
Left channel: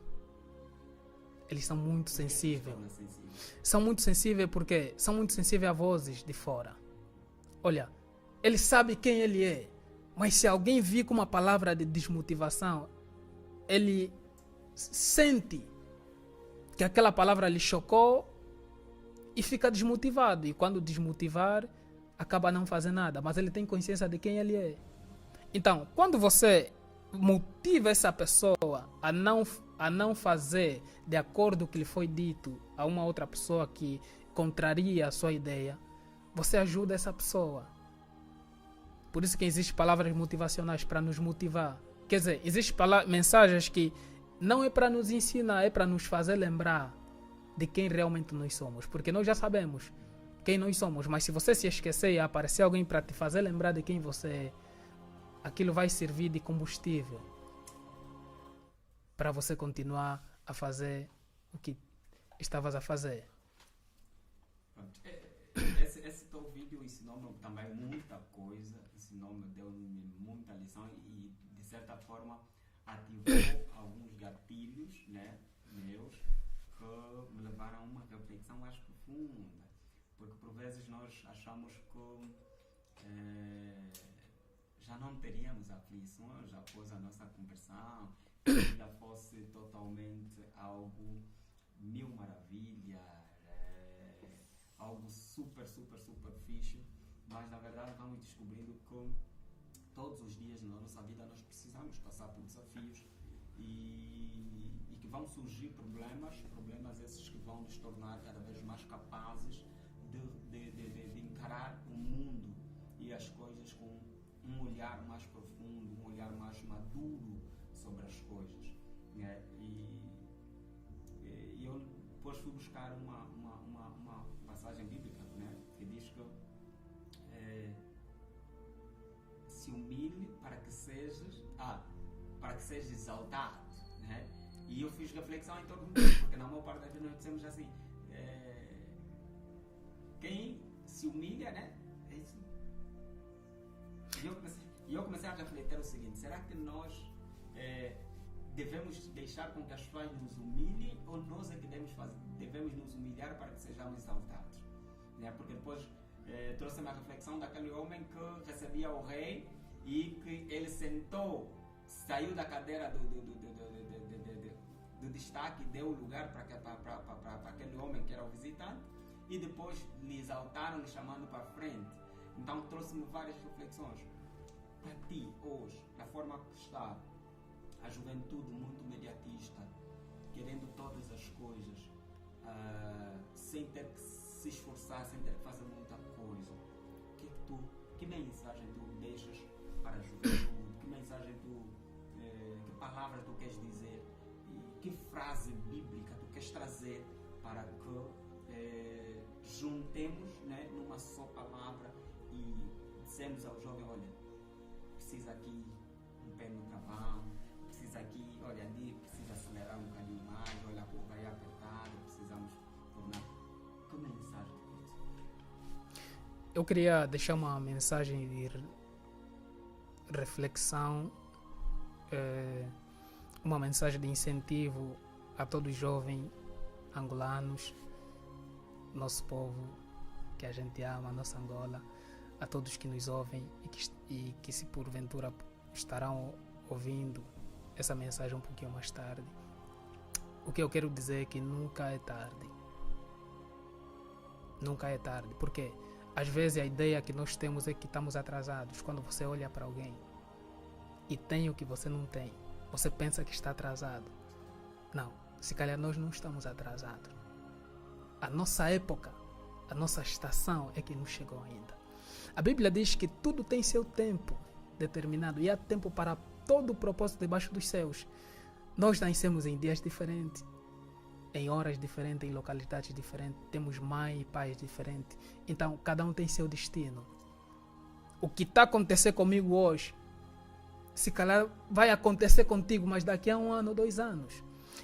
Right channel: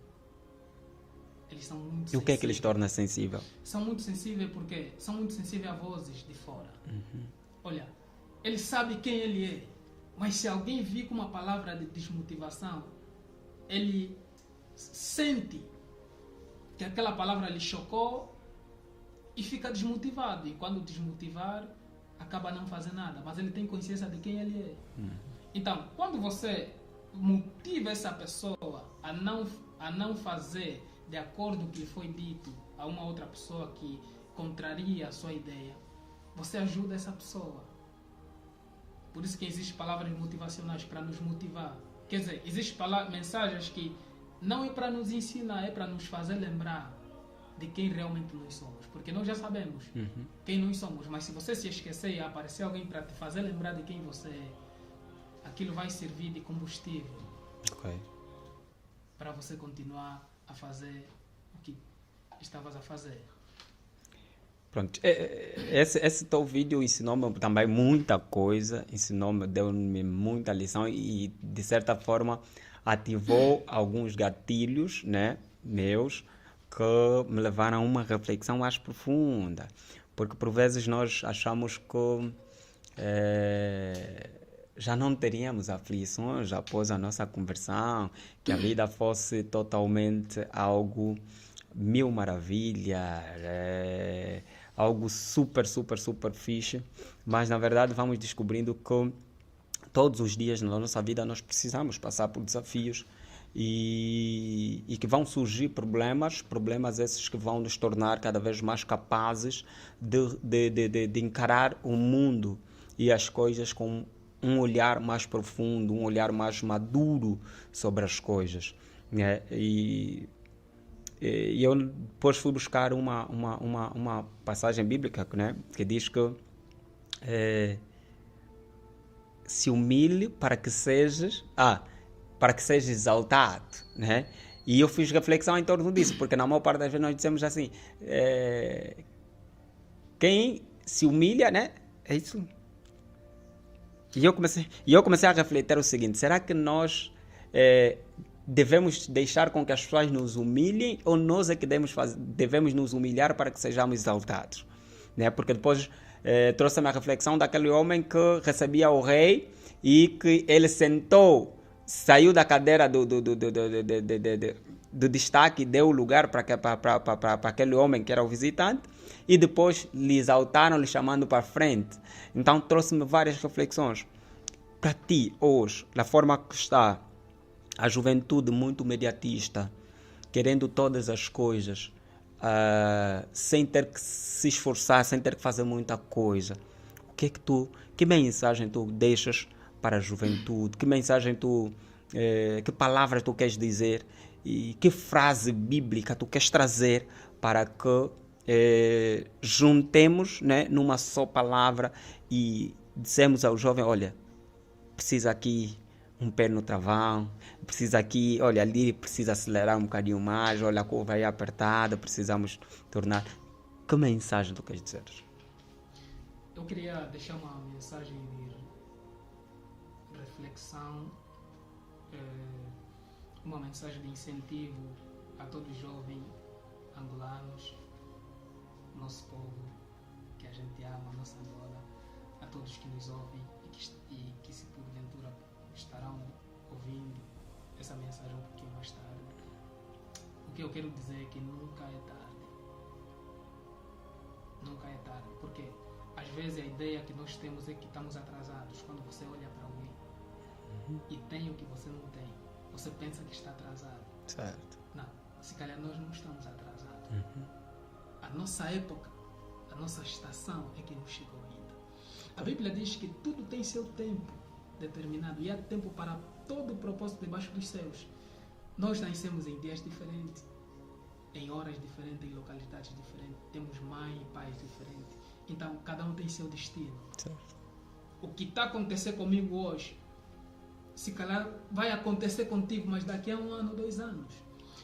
Eles são muito sensíveis. E o que é que eles tornam sensível? São muito sensíveis porque são muito sensíveis a vozes de fora. Olha, ele sabe quem ele é, mas se alguém vir com uma palavra de desmotivação, ele sente que aquela palavra lhe chocou e fica desmotivado. E quando desmotivar, acaba não fazendo nada. Mas ele tem consciência de quem ele é. Então, quando você motiva essa pessoa a não fazer de acordo com o que lhe foi dito a uma outra pessoa que contraria a sua ideia, você ajuda essa pessoa. Por isso que existem palavras motivacionais para nos motivar. Quer dizer, existem mensagens que não é para nos ensinar, é para nos fazer lembrar de quem realmente nós somos. Porque nós já sabemos quem nós somos, mas se você se esquecer e aparecer alguém para te fazer lembrar de quem você é, aquilo vai servir de combustível para você continuar a fazer o que estavas a fazer. Pronto. Esse teu vídeo ensinou-me também muita coisa, deu-me muita lição e, de certa forma, ativou alguns gatilhos, né, meus, que me levaram a uma reflexão mais profunda. Porque, por vezes, nós achamos que já não teríamos aflições após a nossa conversão, que a vida fosse totalmente algo mil maravilhas, algo super, super, super fixe, mas na verdade vamos descobrindo que todos os dias na nossa vida nós precisamos passar por desafios e que vão surgir problemas esses que vão nos tornar cada vez mais capazes de encarar o mundo e as coisas com um olhar mais profundo, um olhar mais maduro sobre as coisas, né? E eu depois fui buscar uma passagem bíblica, né, que diz que se humilhe para que sejas exaltado, né? E eu fiz reflexão em torno disso, porque na maior parte das vezes nós dizemos assim, quem se humilha, né? É isso. E eu comecei a refletir o seguinte: será que nós devemos deixar com que as pessoas nos humilhem ou nós é que devemos nos humilhar para que sejamos exaltados? Né? Porque depois trouxe-me a reflexão daquele homem que recebia o rei e que ele sentou, saiu da cadeira do destaque e deu lugar para aquele homem que era o visitante e depois lhe exaltaram, lhe chamando para frente. Então trouxe-me várias reflexões. Para ti, hoje, da forma que está a juventude muito mediatista, querendo todas as coisas, sem ter que se esforçar, sem ter que fazer muita coisa. Que mensagem tu deixas para a juventude? Que mensagem que palavras tu queres dizer? E que frase bíblica tu queres trazer para que juntemos, né, numa só palavra e dissemos ao jovem, olha, precisa aqui um pé no travão, precisa aqui, olha, ali precisa acelerar um bocadinho mais, olha, a curva aí apertada, precisamos tornar... Que mensagem tu queres dizer? Eu queria deixar uma mensagem de reflexão, uma mensagem de incentivo a todos os jovens angolanos, nosso povo que a gente ama, nossa Angola, a todos que nos ouvem e que se porventura estarão ouvindo essa mensagem um pouquinho mais tarde. O que eu quero dizer é que nunca é tarde. Nunca é tarde. Porque às vezes a ideia que nós temos é que estamos atrasados. Quando você olha para alguém e tem o que você não tem, você pensa que está atrasado. Certo. Não, se calhar nós não estamos atrasados. A nossa época, a nossa estação é que não chegou ainda. A Bíblia diz que tudo tem seu tempo determinado e há tempo para todo o propósito debaixo dos céus. Nós nascemos em dias diferentes, em horas diferentes, em localidades diferentes, temos mãe e pais diferentes. Então, cada um tem seu destino. Certo. O que está acontecendo comigo hoje, se calhar vai acontecer contigo, mas daqui a 1 ano, 2 anos.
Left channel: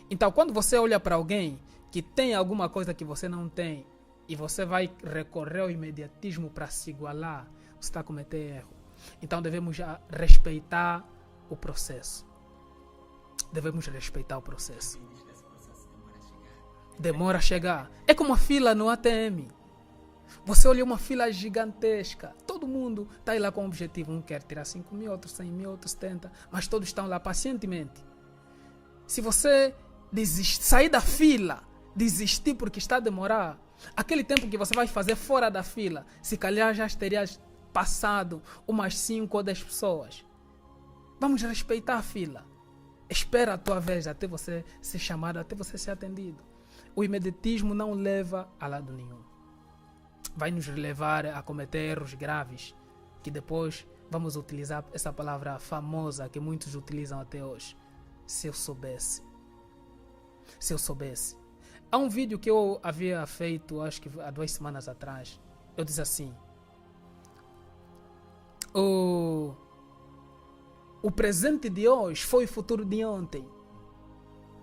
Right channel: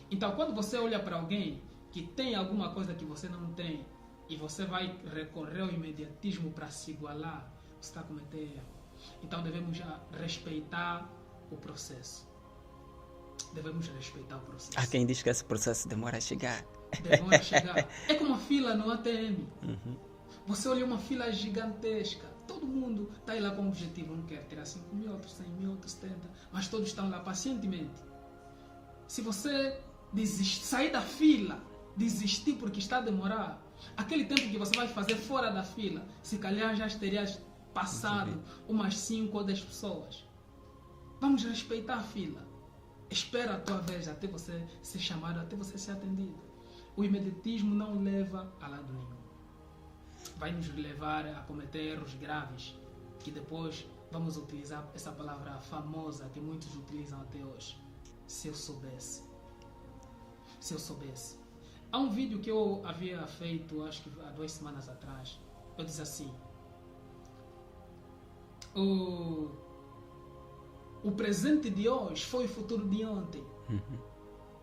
Então, quando você olha para alguém que tem alguma coisa que você não tem e você vai recorrer ao imediatismo para se igualar, você está a cometer erro. Então, devemos já respeitar o processo. Devemos respeitar o processo. Há quem diz que esse processo demora a chegar. Demora a chegar. É como a fila no ATM. Você olha uma fila gigantesca. Todo mundo está aí lá com o objetivo. Um quer tirar 5 mil, outros 100 mil, outros 70. Mas todos estão lá pacientemente. Se você sair da fila, desistir porque está a demorar, aquele tempo que você vai fazer fora da fila, se calhar já terias passado umas 5 ou 10 pessoas. Vamos respeitar a fila. Espera a tua vez até você ser chamado, até você ser atendido. O imediatismo não leva a lado nenhum. Vai nos levar a cometer erros graves, que depois vamos utilizar essa palavra famosa que muitos utilizam até hoje. Se eu soubesse. Se eu soubesse. Há um vídeo que eu havia feito, acho que há 2 semanas atrás. Eu disse assim: o presente de hoje foi o futuro de ontem.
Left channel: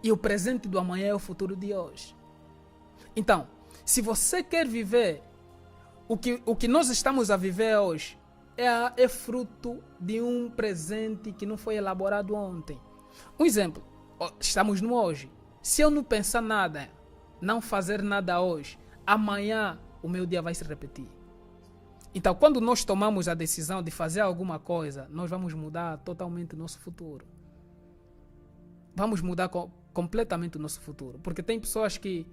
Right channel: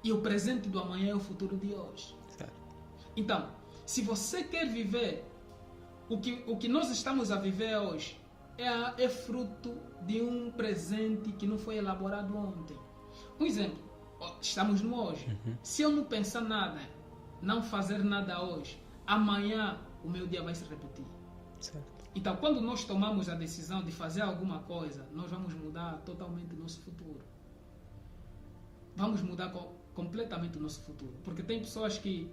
E o presente do amanhã é o futuro de hoje. Certo. Então, se você quer viver o que nós estamos a viver hoje, é fruto de um presente que não foi elaborado ontem. Um exemplo, estamos no hoje. Se eu não pensar nada, não fazer nada hoje, amanhã o meu dia vai se repetir. Certo. Então, quando nós tomamos a decisão de fazer alguma coisa, nós vamos mudar totalmente o nosso futuro. Vamos mudar completamente o nosso futuro. Porque tem pessoas que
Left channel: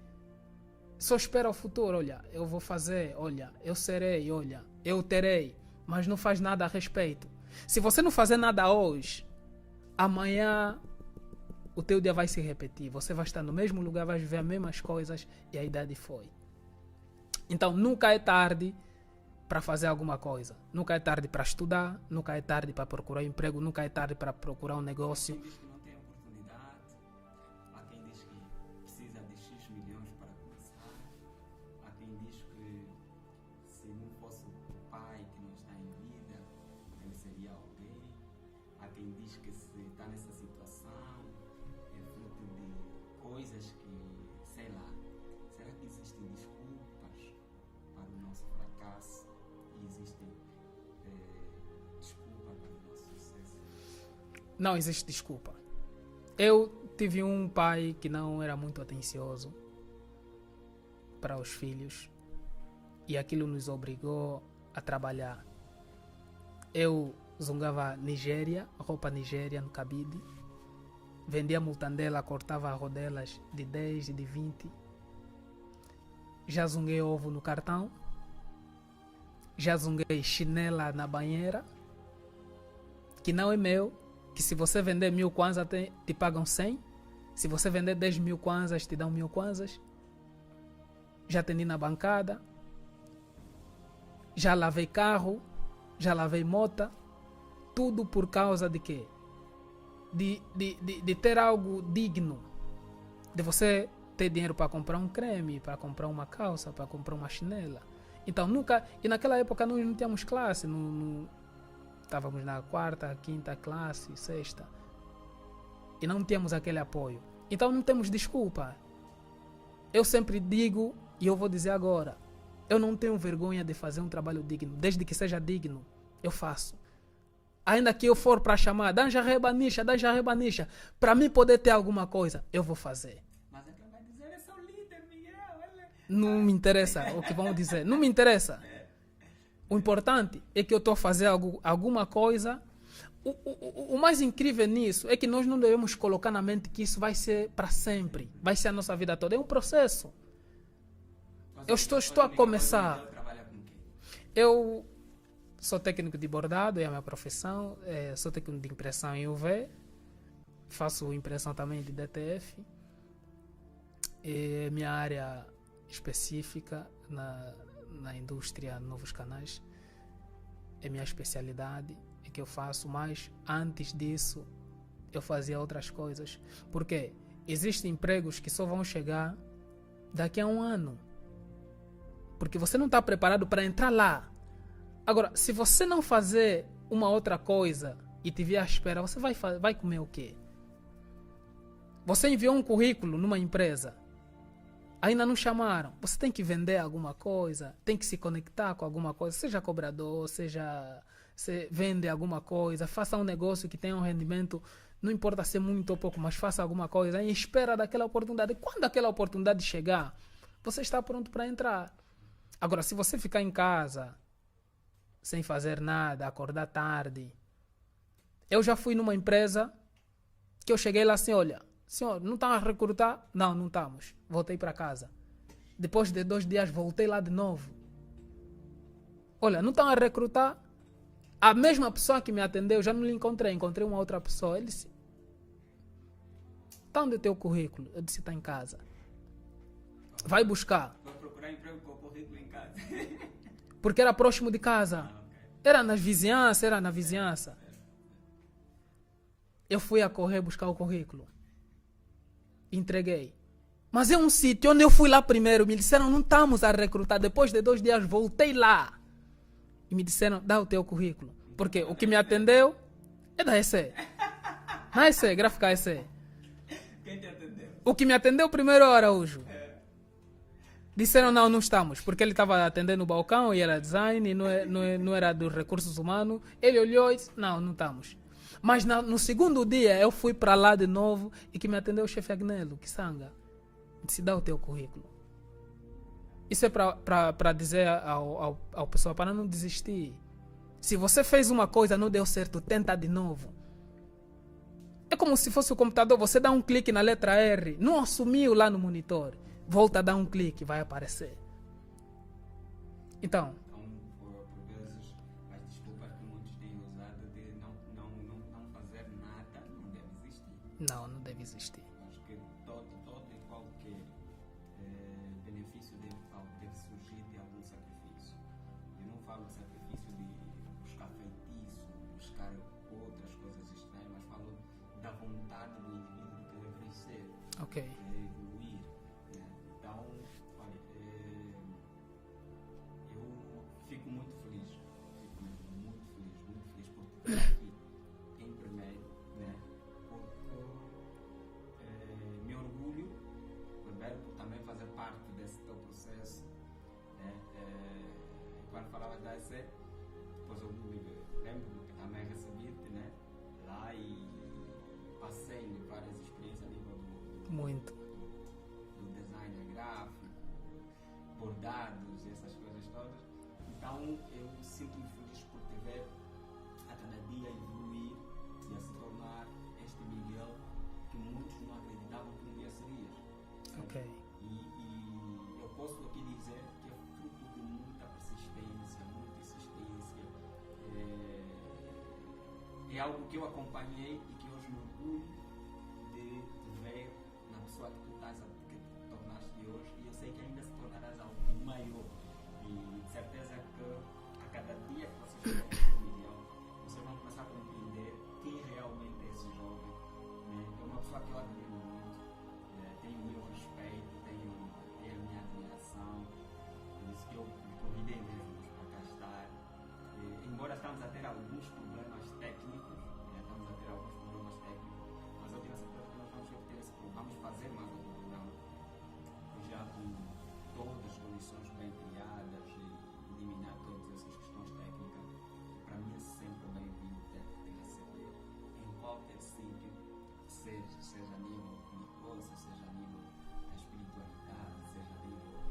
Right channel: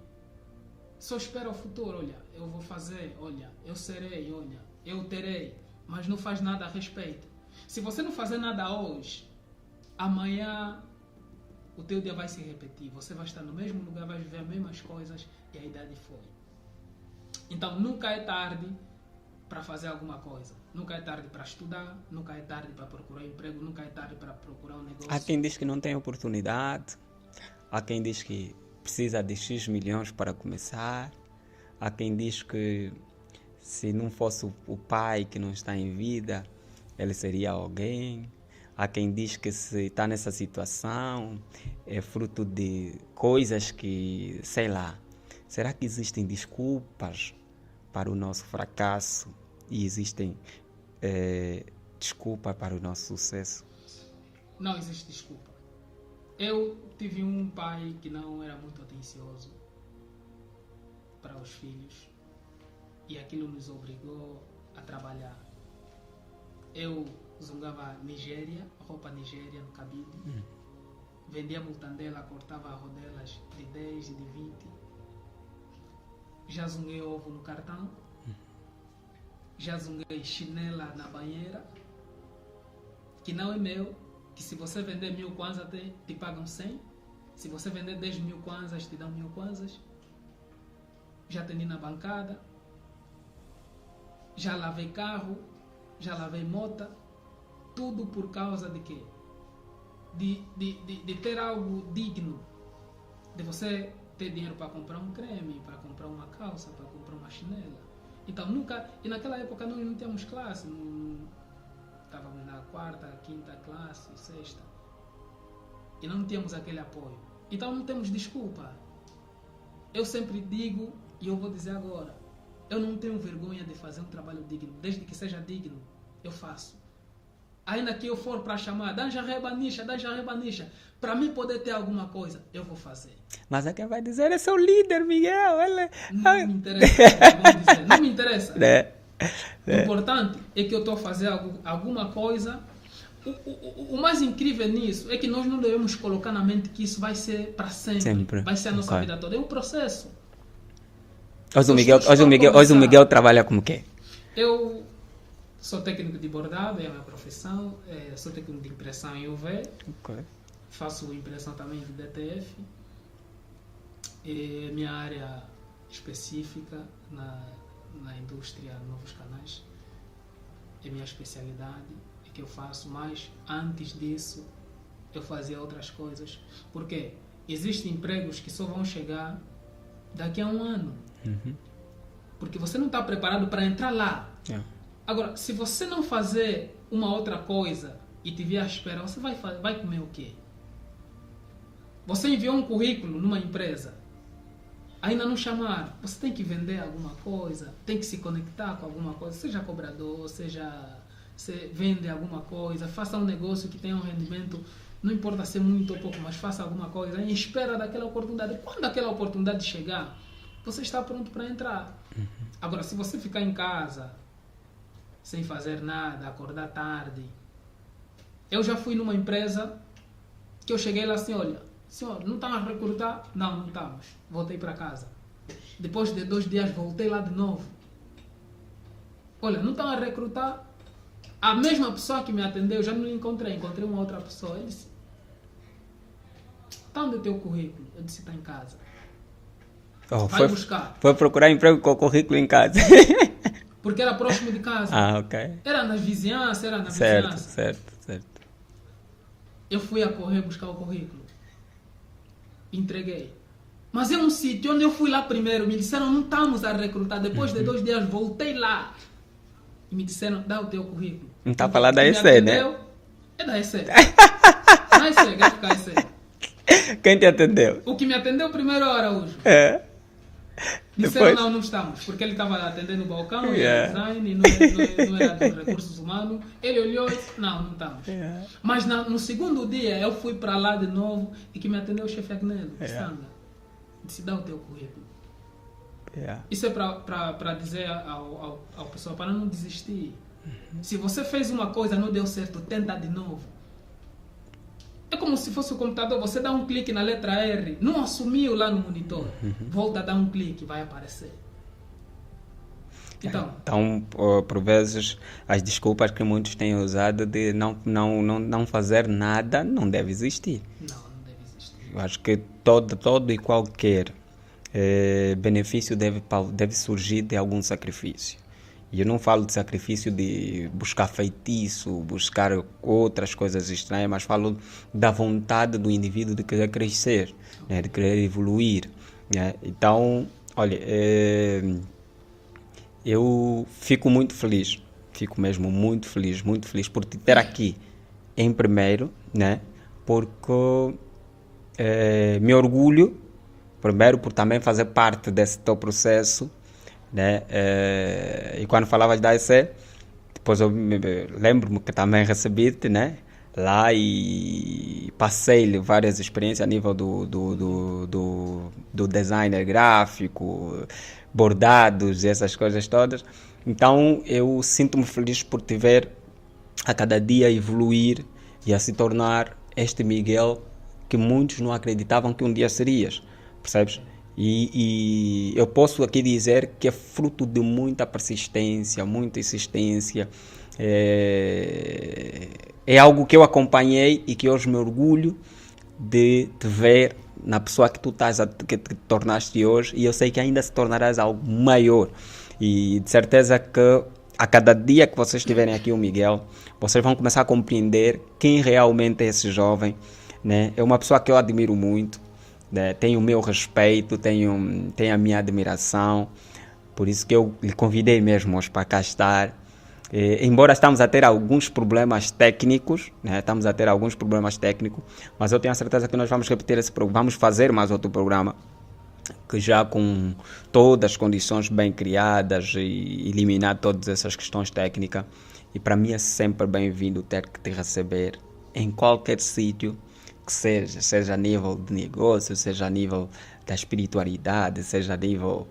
só esperam o futuro. Olha, eu vou fazer, olha, eu serei, olha, eu terei. Mas não faz nada a respeito. Se você não fazer nada hoje, amanhã o teu dia vai se repetir. Você vai estar no mesmo lugar, vai viver as mesmas coisas e a idade foi. Então, nunca é tarde para fazer alguma coisa. Nunca é tarde para estudar, nunca é tarde para procurar emprego, nunca é tarde para procurar um negócio. Há quem diz que não tem oportunidade, há quem diz que precisa de X milhões para começar, há quem diz que se não fosse o pai que não está em vida, ele seria alguém. Há quem diz que se está nessa situação é fruto de coisas que, sei lá, será que existem desculpas para o nosso fracasso e existem desculpas para o nosso sucesso? Não existe desculpa. Eu tive um pai que não era muito atencioso para os filhos e aquilo nos obrigou a trabalhar. Eu zungava roupa Nigéria no cabide, vendia multandela, cortava rodelas de 10 e de 20. Já zunguei ovo no cartão, já zunguei chinela na banheira, que não é meu, que se você vender 1000 kwanzas te pagam 100, se você vender 10 mil kwanzas te dão 1000 kwanzas. já atendi na bancada, já lavei carro, já lavei moto, tudo por causa de quê? De ter algo digno, de você ter dinheiro para comprar um creme, para comprar uma calça, para comprar uma chinela. Então nunca, e naquela época nós não tínhamos classe, estávamos na 4ª, 5ª classe, 6ª, e não tínhamos aquele apoio. Então não temos desculpa. Eu sempre digo, e eu vou dizer agora, eu não tenho vergonha de fazer um trabalho digno, desde que seja digno, eu faço. Ainda que eu for para chamar, Danja Rebanicha, para mim poder ter alguma coisa, eu vou fazer. Mas é quem vai dizer é seu líder, Miguel. Não me interessa o que vão dizer, não me interessa. O importante é que eu estou a fazer alguma coisa. O mais incrível nisso é que nós não devemos colocar na mente que isso vai ser para sempre. Vai ser a nossa vida toda. É um processo. Hoje o Miguel trabalha como quê? Eu sou técnico de bordado, é a minha profissão. Sou técnico de impressão em UV. Okay. Faço impressão também de DTF. É minha área específica na indústria Novos Canais. É minha especialidade. Que eu faço, mas antes disso eu fazia outras coisas. Porque existem empregos que só vão chegar daqui a um ano. Uhum. Porque você não está preparado para entrar lá. Yeah. Agora, se você não fazer uma outra coisa e tiver à espera, você vai comer o quê? Você enviou um currículo numa empresa, ainda não chamaram. Você tem que vender alguma coisa, tem que se conectar com alguma coisa, seja cobrador, seja... Você vende alguma coisa, faça um negócio que tenha um rendimento, não importa ser muito ou pouco, mas faça alguma coisa em espera daquela oportunidade. Quando aquela oportunidade chegar, você está pronto para entrar. Uhum. Agora, se você ficar em casa, sem fazer nada, acordar tarde... Eu já fui numa empresa que eu cheguei lá assim, olha, senhor, não estão a recrutar? Não estamos. Voltei para casa. Depois de 2 dias, voltei lá de novo. Olha, não estão a recrutar? A mesma pessoa que me atendeu, já não lhe encontrei uma outra pessoa. Ele disse, está onde o teu currículo? Eu disse, está em casa. Vai buscar. Foi procurar emprego com o currículo em casa. Porque era próximo de casa. Ok. Era na vizinhança, Certo. Eu fui a correr buscar o currículo. Entreguei. Mas é um sítio onde eu fui lá primeiro. Me disseram, não estamos a recrutar. Depois de 2 dias, voltei lá. E me disseram, dá o teu currículo. Não está a falar da EC, né? É da EC. Não é EC, gráfica EC. Quem te atendeu? O que me atendeu primeiro é o Araújo. Disseram, não estamos. Porque ele estava atendendo o balcão, e era design, e não era dos recursos humanos. Ele olhou e disse, não estamos. Mas no segundo dia, eu fui para lá de novo, e que me atendeu o chefe Agnello, Sanga. Disse, dá o teu currículo. Isso é para dizer ao pessoal, para não desistir. Se você fez uma coisa, não deu certo, tenta de novo. É como se fosse o computador, você dá um clique na letra R, não assumiu lá no monitor, volta a dar um clique, vai aparecer. Então, por vezes, as desculpas que muitos têm usado de não fazer nada não deve existir. Não deve existir. Eu acho que todo e qualquer benefício deve surgir de algum sacrifício. E eu não falo de sacrifício de buscar feitiço, buscar outras coisas estranhas, mas falo da vontade do indivíduo de querer crescer, né, de querer evoluir. Né? Então, olha, eu fico muito feliz, fico mesmo muito feliz por te ter aqui em primeiro, né? Porque me orgulho, primeiro, por também fazer parte desse teu processo, né? E quando falavas da EC, depois eu lembro-me que também recebi-te, né? Lá e passei-lhe várias experiências a nível do designer gráfico, bordados e essas coisas todas. Então eu sinto-me feliz por te ver a cada dia evoluir e a se tornar este Miguel que muitos não acreditavam que um dia serias, percebes? E eu posso aqui dizer que é fruto de muita persistência, muita insistência. É algo que eu acompanhei e que hoje me orgulho de te ver na pessoa que tu que te tornaste hoje, e eu sei que ainda se tornarás algo maior. E de certeza que a cada dia que vocês tiverem aqui o Miguel, vocês vão começar a compreender quem realmente é esse jovem, né? É uma pessoa que eu admiro muito, né? Tenho o meu respeito, tenho a minha admiração, por isso que eu lhe convidei mesmo hoje para cá estar. Embora estamos a ter alguns problemas técnicos, né? Estamos a ter alguns problemas técnicos, mas eu tenho a certeza que nós vamos repetir esse programa, vamos fazer mais outro programa, que já com todas as condições bem criadas e eliminar todas essas questões técnicas. E para mim é sempre bem-vindo ter que te receber em qualquer sítio que seja a nível de negócio, seja a nível da espiritualidade, seja a nível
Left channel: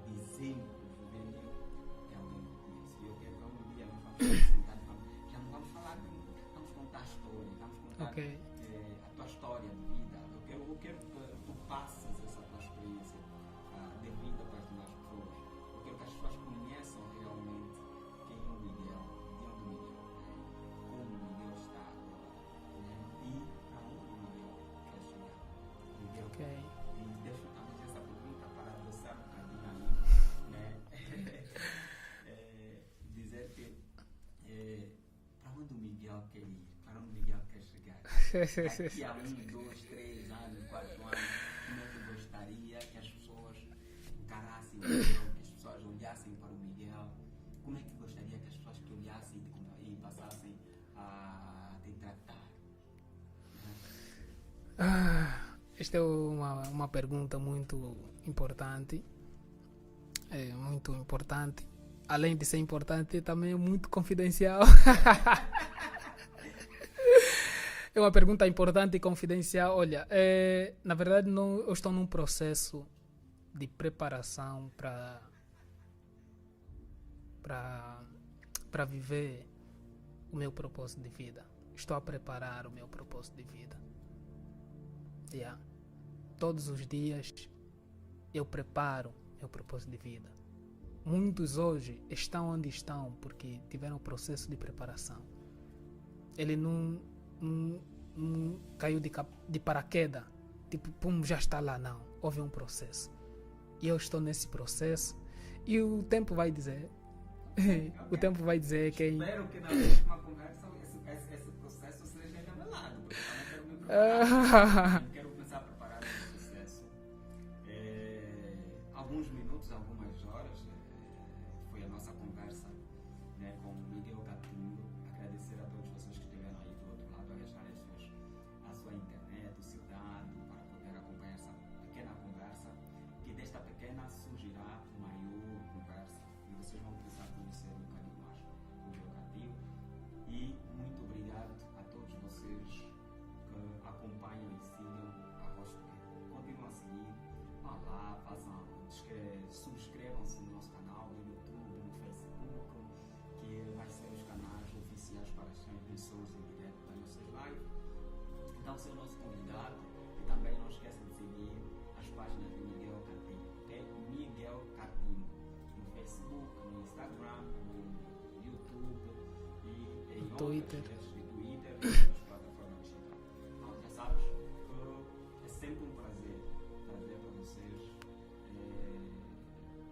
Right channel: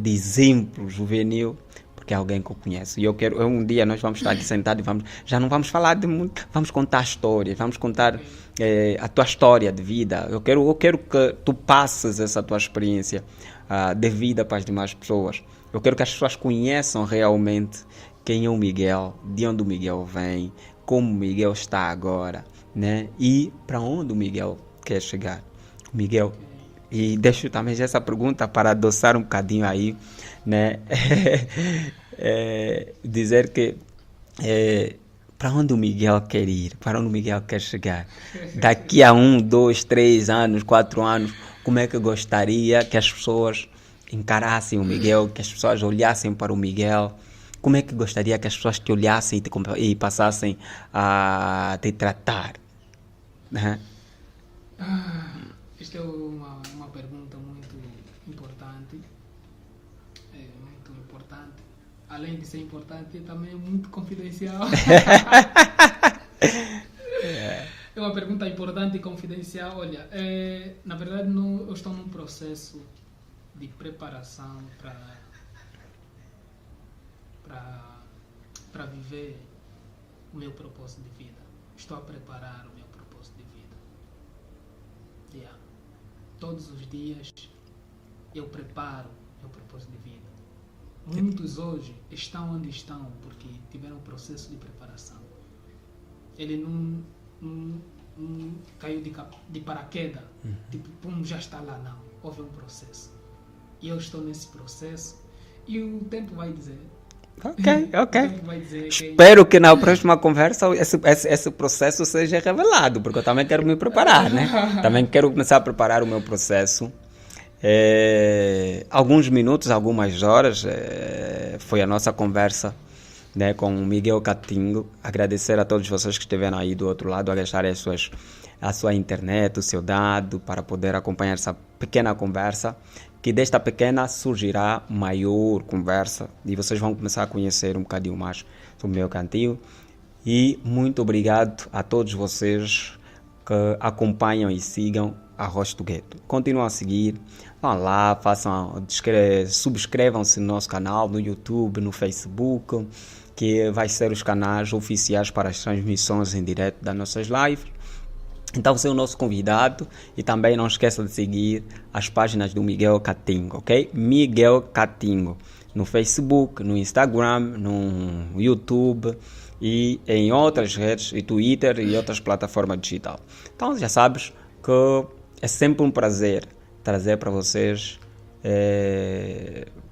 de exemplo juvenil, porque é alguém que eu conheço. E um dia nós vamos estar aqui sentados e já não vamos falar de muito, vamos contar histórias, vamos contar a tua história de vida. Eu quero que tu passes essa tua experiência de vida para as demais pessoas. Eu quero que as pessoas conheçam realmente quem é o Miguel, de onde o Miguel vem, como o Miguel está agora, né? E para onde o Miguel quer chegar. Miguel, e deixo também essa pergunta para adoçar um bocadinho aí, né? Dizer que para onde o Miguel quer ir, para onde o Miguel quer chegar. Daqui a 1, 2, 3 anos, 4 anos, como é que gostaria que as pessoas encarassem o Miguel, que as pessoas olhassem para o Miguel? Como é que gostaria que as pessoas te olhassem e passassem a te tratar? Né? Esta é uma pergunta muito importante. É muito importante. Além de ser importante, também é muito confidencial. É uma pergunta importante e confidencial. Olha, na verdade, eu estou num processo de preparação para viver o meu propósito de vida. Estou a preparar o meu propósito de vida. Yeah. Todos os dias eu preparo o meu propósito de vida. Muitos hoje estão onde estão porque tiveram um processo de preparação. Ele não caiu de paraquedas, tipo, pum, já está lá, não. Houve um processo. E eu estou nesse processo e o tempo vai dizer. Ok. O tempo vai dizer Espero que na próxima conversa esse processo seja revelado, porque eu também quero me preparar, né? Também quero começar a preparar o meu processo. Alguns minutos, algumas horas, foi a nossa conversa, né, com o Miguel Catingo. Agradecer a todos vocês que estiveram aí do outro lado a deixar a sua internet, o seu dado, para poder acompanhar essa pequena conversa, que desta pequena surgirá maior conversa e vocês vão começar a conhecer um bocadinho mais sobre o Miguel Catingo. E muito obrigado a todos vocês que acompanham e sigam a Rocha do Gueto. Continuam a seguir, vão lá, subscrevam-se no nosso canal, no YouTube, no Facebook, que vai ser os canais oficiais para as transmissões em direto das nossas lives. Então você é o nosso convidado e também não esqueça de seguir as páginas do Miguel Catingo, ok? Miguel Catingo no Facebook, no Instagram, no YouTube e em outras redes, e Twitter e outras plataformas digitais. Então já sabes que é sempre um prazer trazer para vocês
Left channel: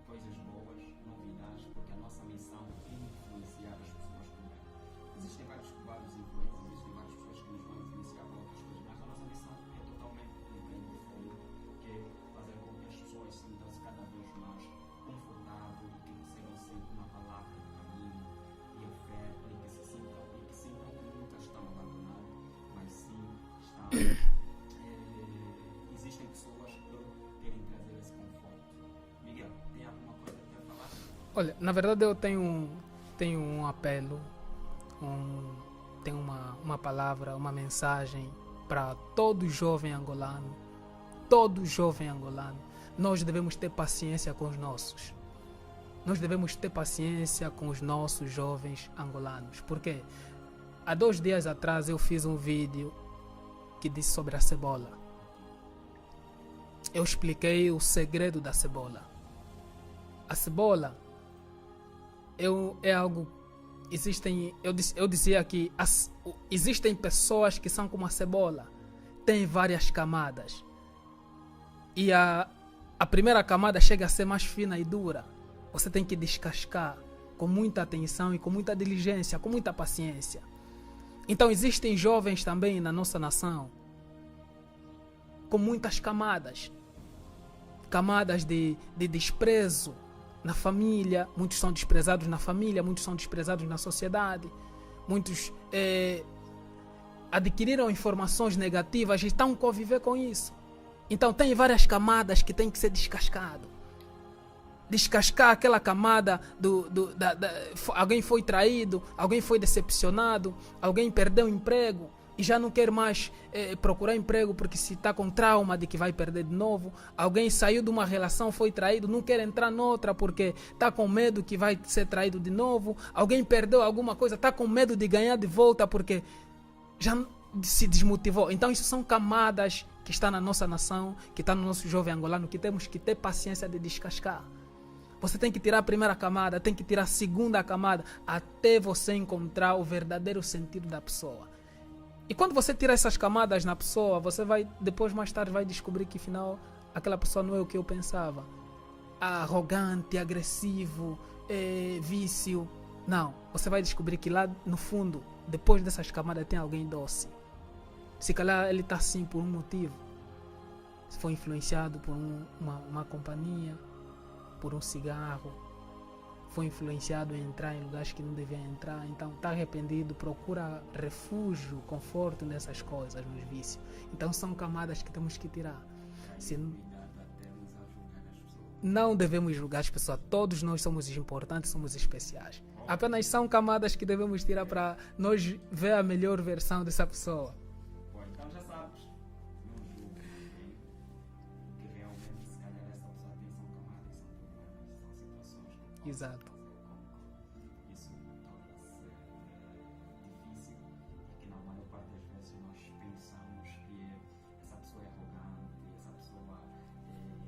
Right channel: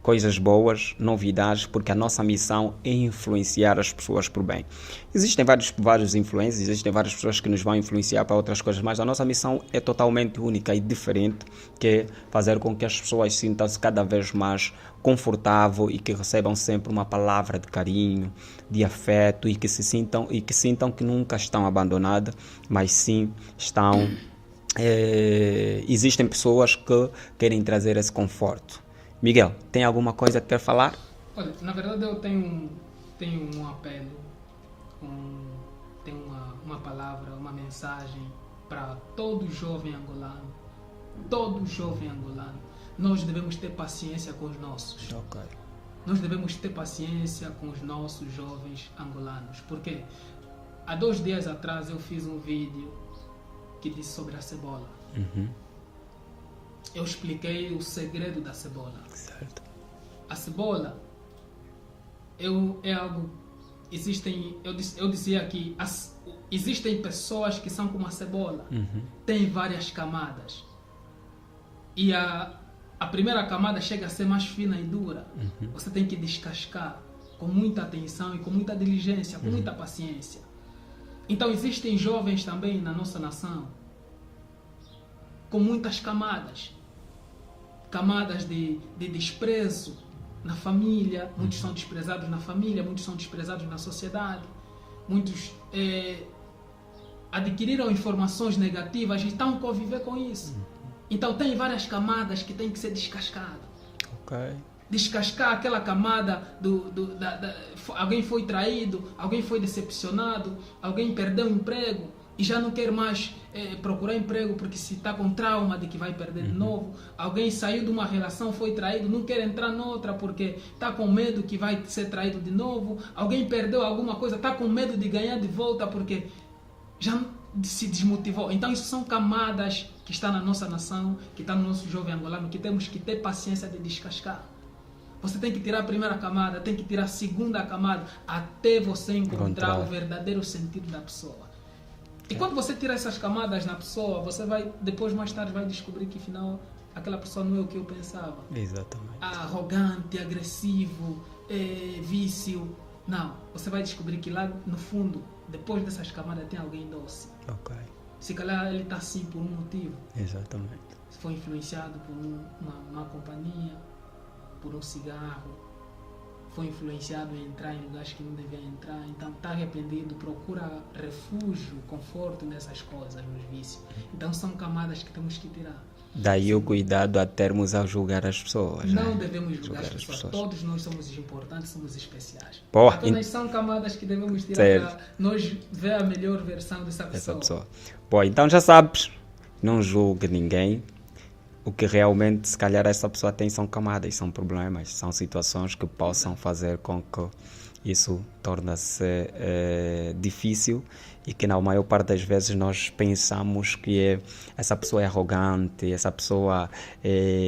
coisas boas, novidades, porque a nossa missão é influenciar as pessoas por bem. Existem vários influencers, existem várias pessoas que nos vão influenciar para outras coisas, mas a nossa missão é totalmente única e diferente, que é fazer com que as pessoas sintam-se cada vez mais confortável e que recebam sempre uma palavra de carinho, de afeto e que sintam que nunca estão abandonadas, mas sim estão existem pessoas que querem trazer esse conforto. Miguel, tem alguma coisa que quer falar? Olha, na verdade eu tenho um apelo, tenho uma palavra, uma mensagem para todo jovem angolano. Todo jovem angolano. Nós devemos ter paciência com os nossos. Okay. Nós devemos ter paciência com os nossos jovens angolanos. Porque há 2 dias atrás eu fiz um vídeo que disse sobre a cebola. Eu expliquei o segredo da cebola. Certo. A cebola é algo. Eu disse aqui, existem pessoas que são como a cebola. Tem várias camadas. e a primeira camada chega a ser mais fina e dura. Você tem que descascar com muita atenção e com muita diligência, com muita paciência. Então existem jovens também na nossa nação com muitas camadas. Camadas de desprezo na família, muitos são desprezados na família, muitos são desprezados na sociedade, muitos adquiriram informações negativas e estão a conviver com isso. Então tem várias camadas que têm que ser descascadas. Ok. Descascar aquela camada alguém foi traído, alguém foi decepcionado, alguém perdeu o emprego e já não quer mais procurar emprego porque se está com trauma de que vai perder de novo. Alguém saiu de uma relação, foi traído, não quer entrar noutra porque está com medo que vai ser traído de novo. Alguém perdeu alguma coisa, está com medo de ganhar de volta porque já se desmotivou. Então isso são camadas que estão na nossa nação, que está no nosso jovem angolano, que temos que ter paciência de descascar. Você tem que tirar a primeira camada, tem que tirar a segunda camada, até você encontrar o verdadeiro sentido da pessoa. E quando você tira essas camadas na pessoa, você vai, depois mais tarde, vai descobrir que afinal aquela pessoa não é o que eu pensava. Exatamente. Arrogante, agressivo, vício. Não, você vai descobrir que lá no fundo, depois dessas camadas, tem alguém doce. Ok. Se calhar ele está assim por um motivo. Exatamente. Se foi influenciado por uma companhia, por um cigarro, foi influenciado em entrar em lugares que não devia entrar, então está arrependido, procura refúgio, conforto nessas coisas, nos vícios. Então são camadas que temos que tirar. Daí o cuidado a termos a julgar as pessoas. Não devemos julgar as pessoas. Todos nós somos importantes, somos especiais. Pô, apenas são camadas que devemos tirar para nós ver a melhor versão dessa pessoa. Bom, então já sabes, não julgue ninguém. O que realmente, se calhar, essa pessoa tem são camadas, são problemas, são situações que possam fazer com que isso torne-se difícil e que na maior parte das vezes nós pensamos que essa pessoa é arrogante, essa pessoa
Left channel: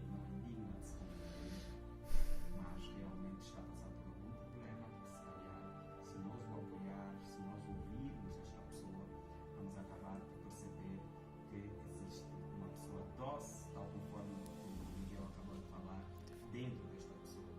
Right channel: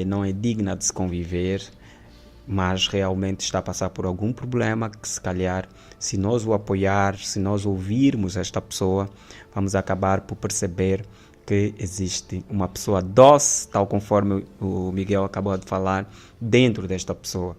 não é digna de se conviver, mas realmente está a passar por algum problema que, se calhar, se nós o apoiar, se nós ouvirmos esta pessoa, vamos acabar por perceber que existe uma pessoa doce, tal conforme o Miguel acabou de falar, dentro desta pessoa.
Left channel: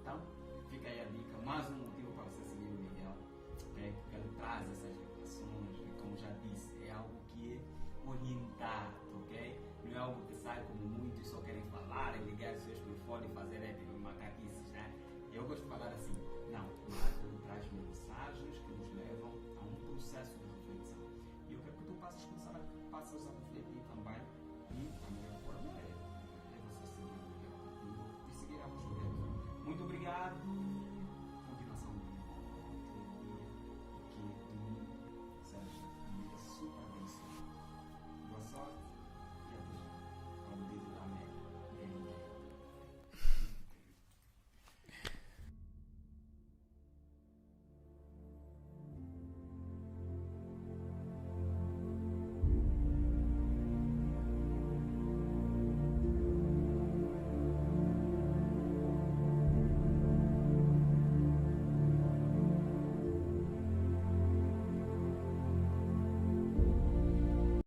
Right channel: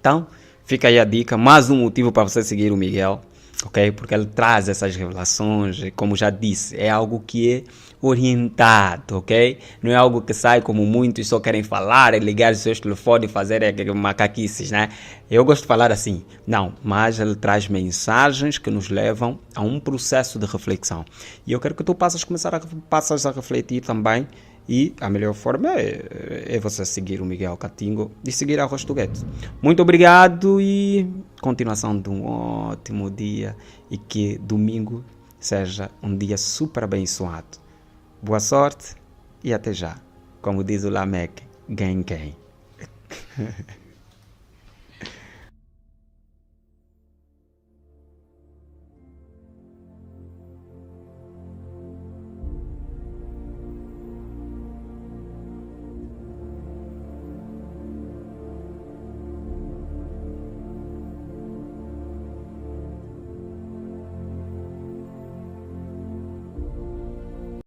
Então, fica aí a dica, mais um motivo para você seguir o Miguel, ok? Porque ele traz essas revelações, e como já disse, é algo que é orientado, ok? Não é algo que sai como muitos só querem falar, ligar os seus telefones e fazer macaquices, né? Eu gosto de falar assim, não, mas ele traz mensagens que nos levam a um processo de reflexão. E eu quero que tu passas a refletir também, e a melhor forma é você seguir o Miguel Catingo e seguir a Rostoguete. Muito obrigado e continuação de um ótimo dia e que domingo seja um dia super abençoado. Boa sorte e até já. Como diz o Lameck, gang gang.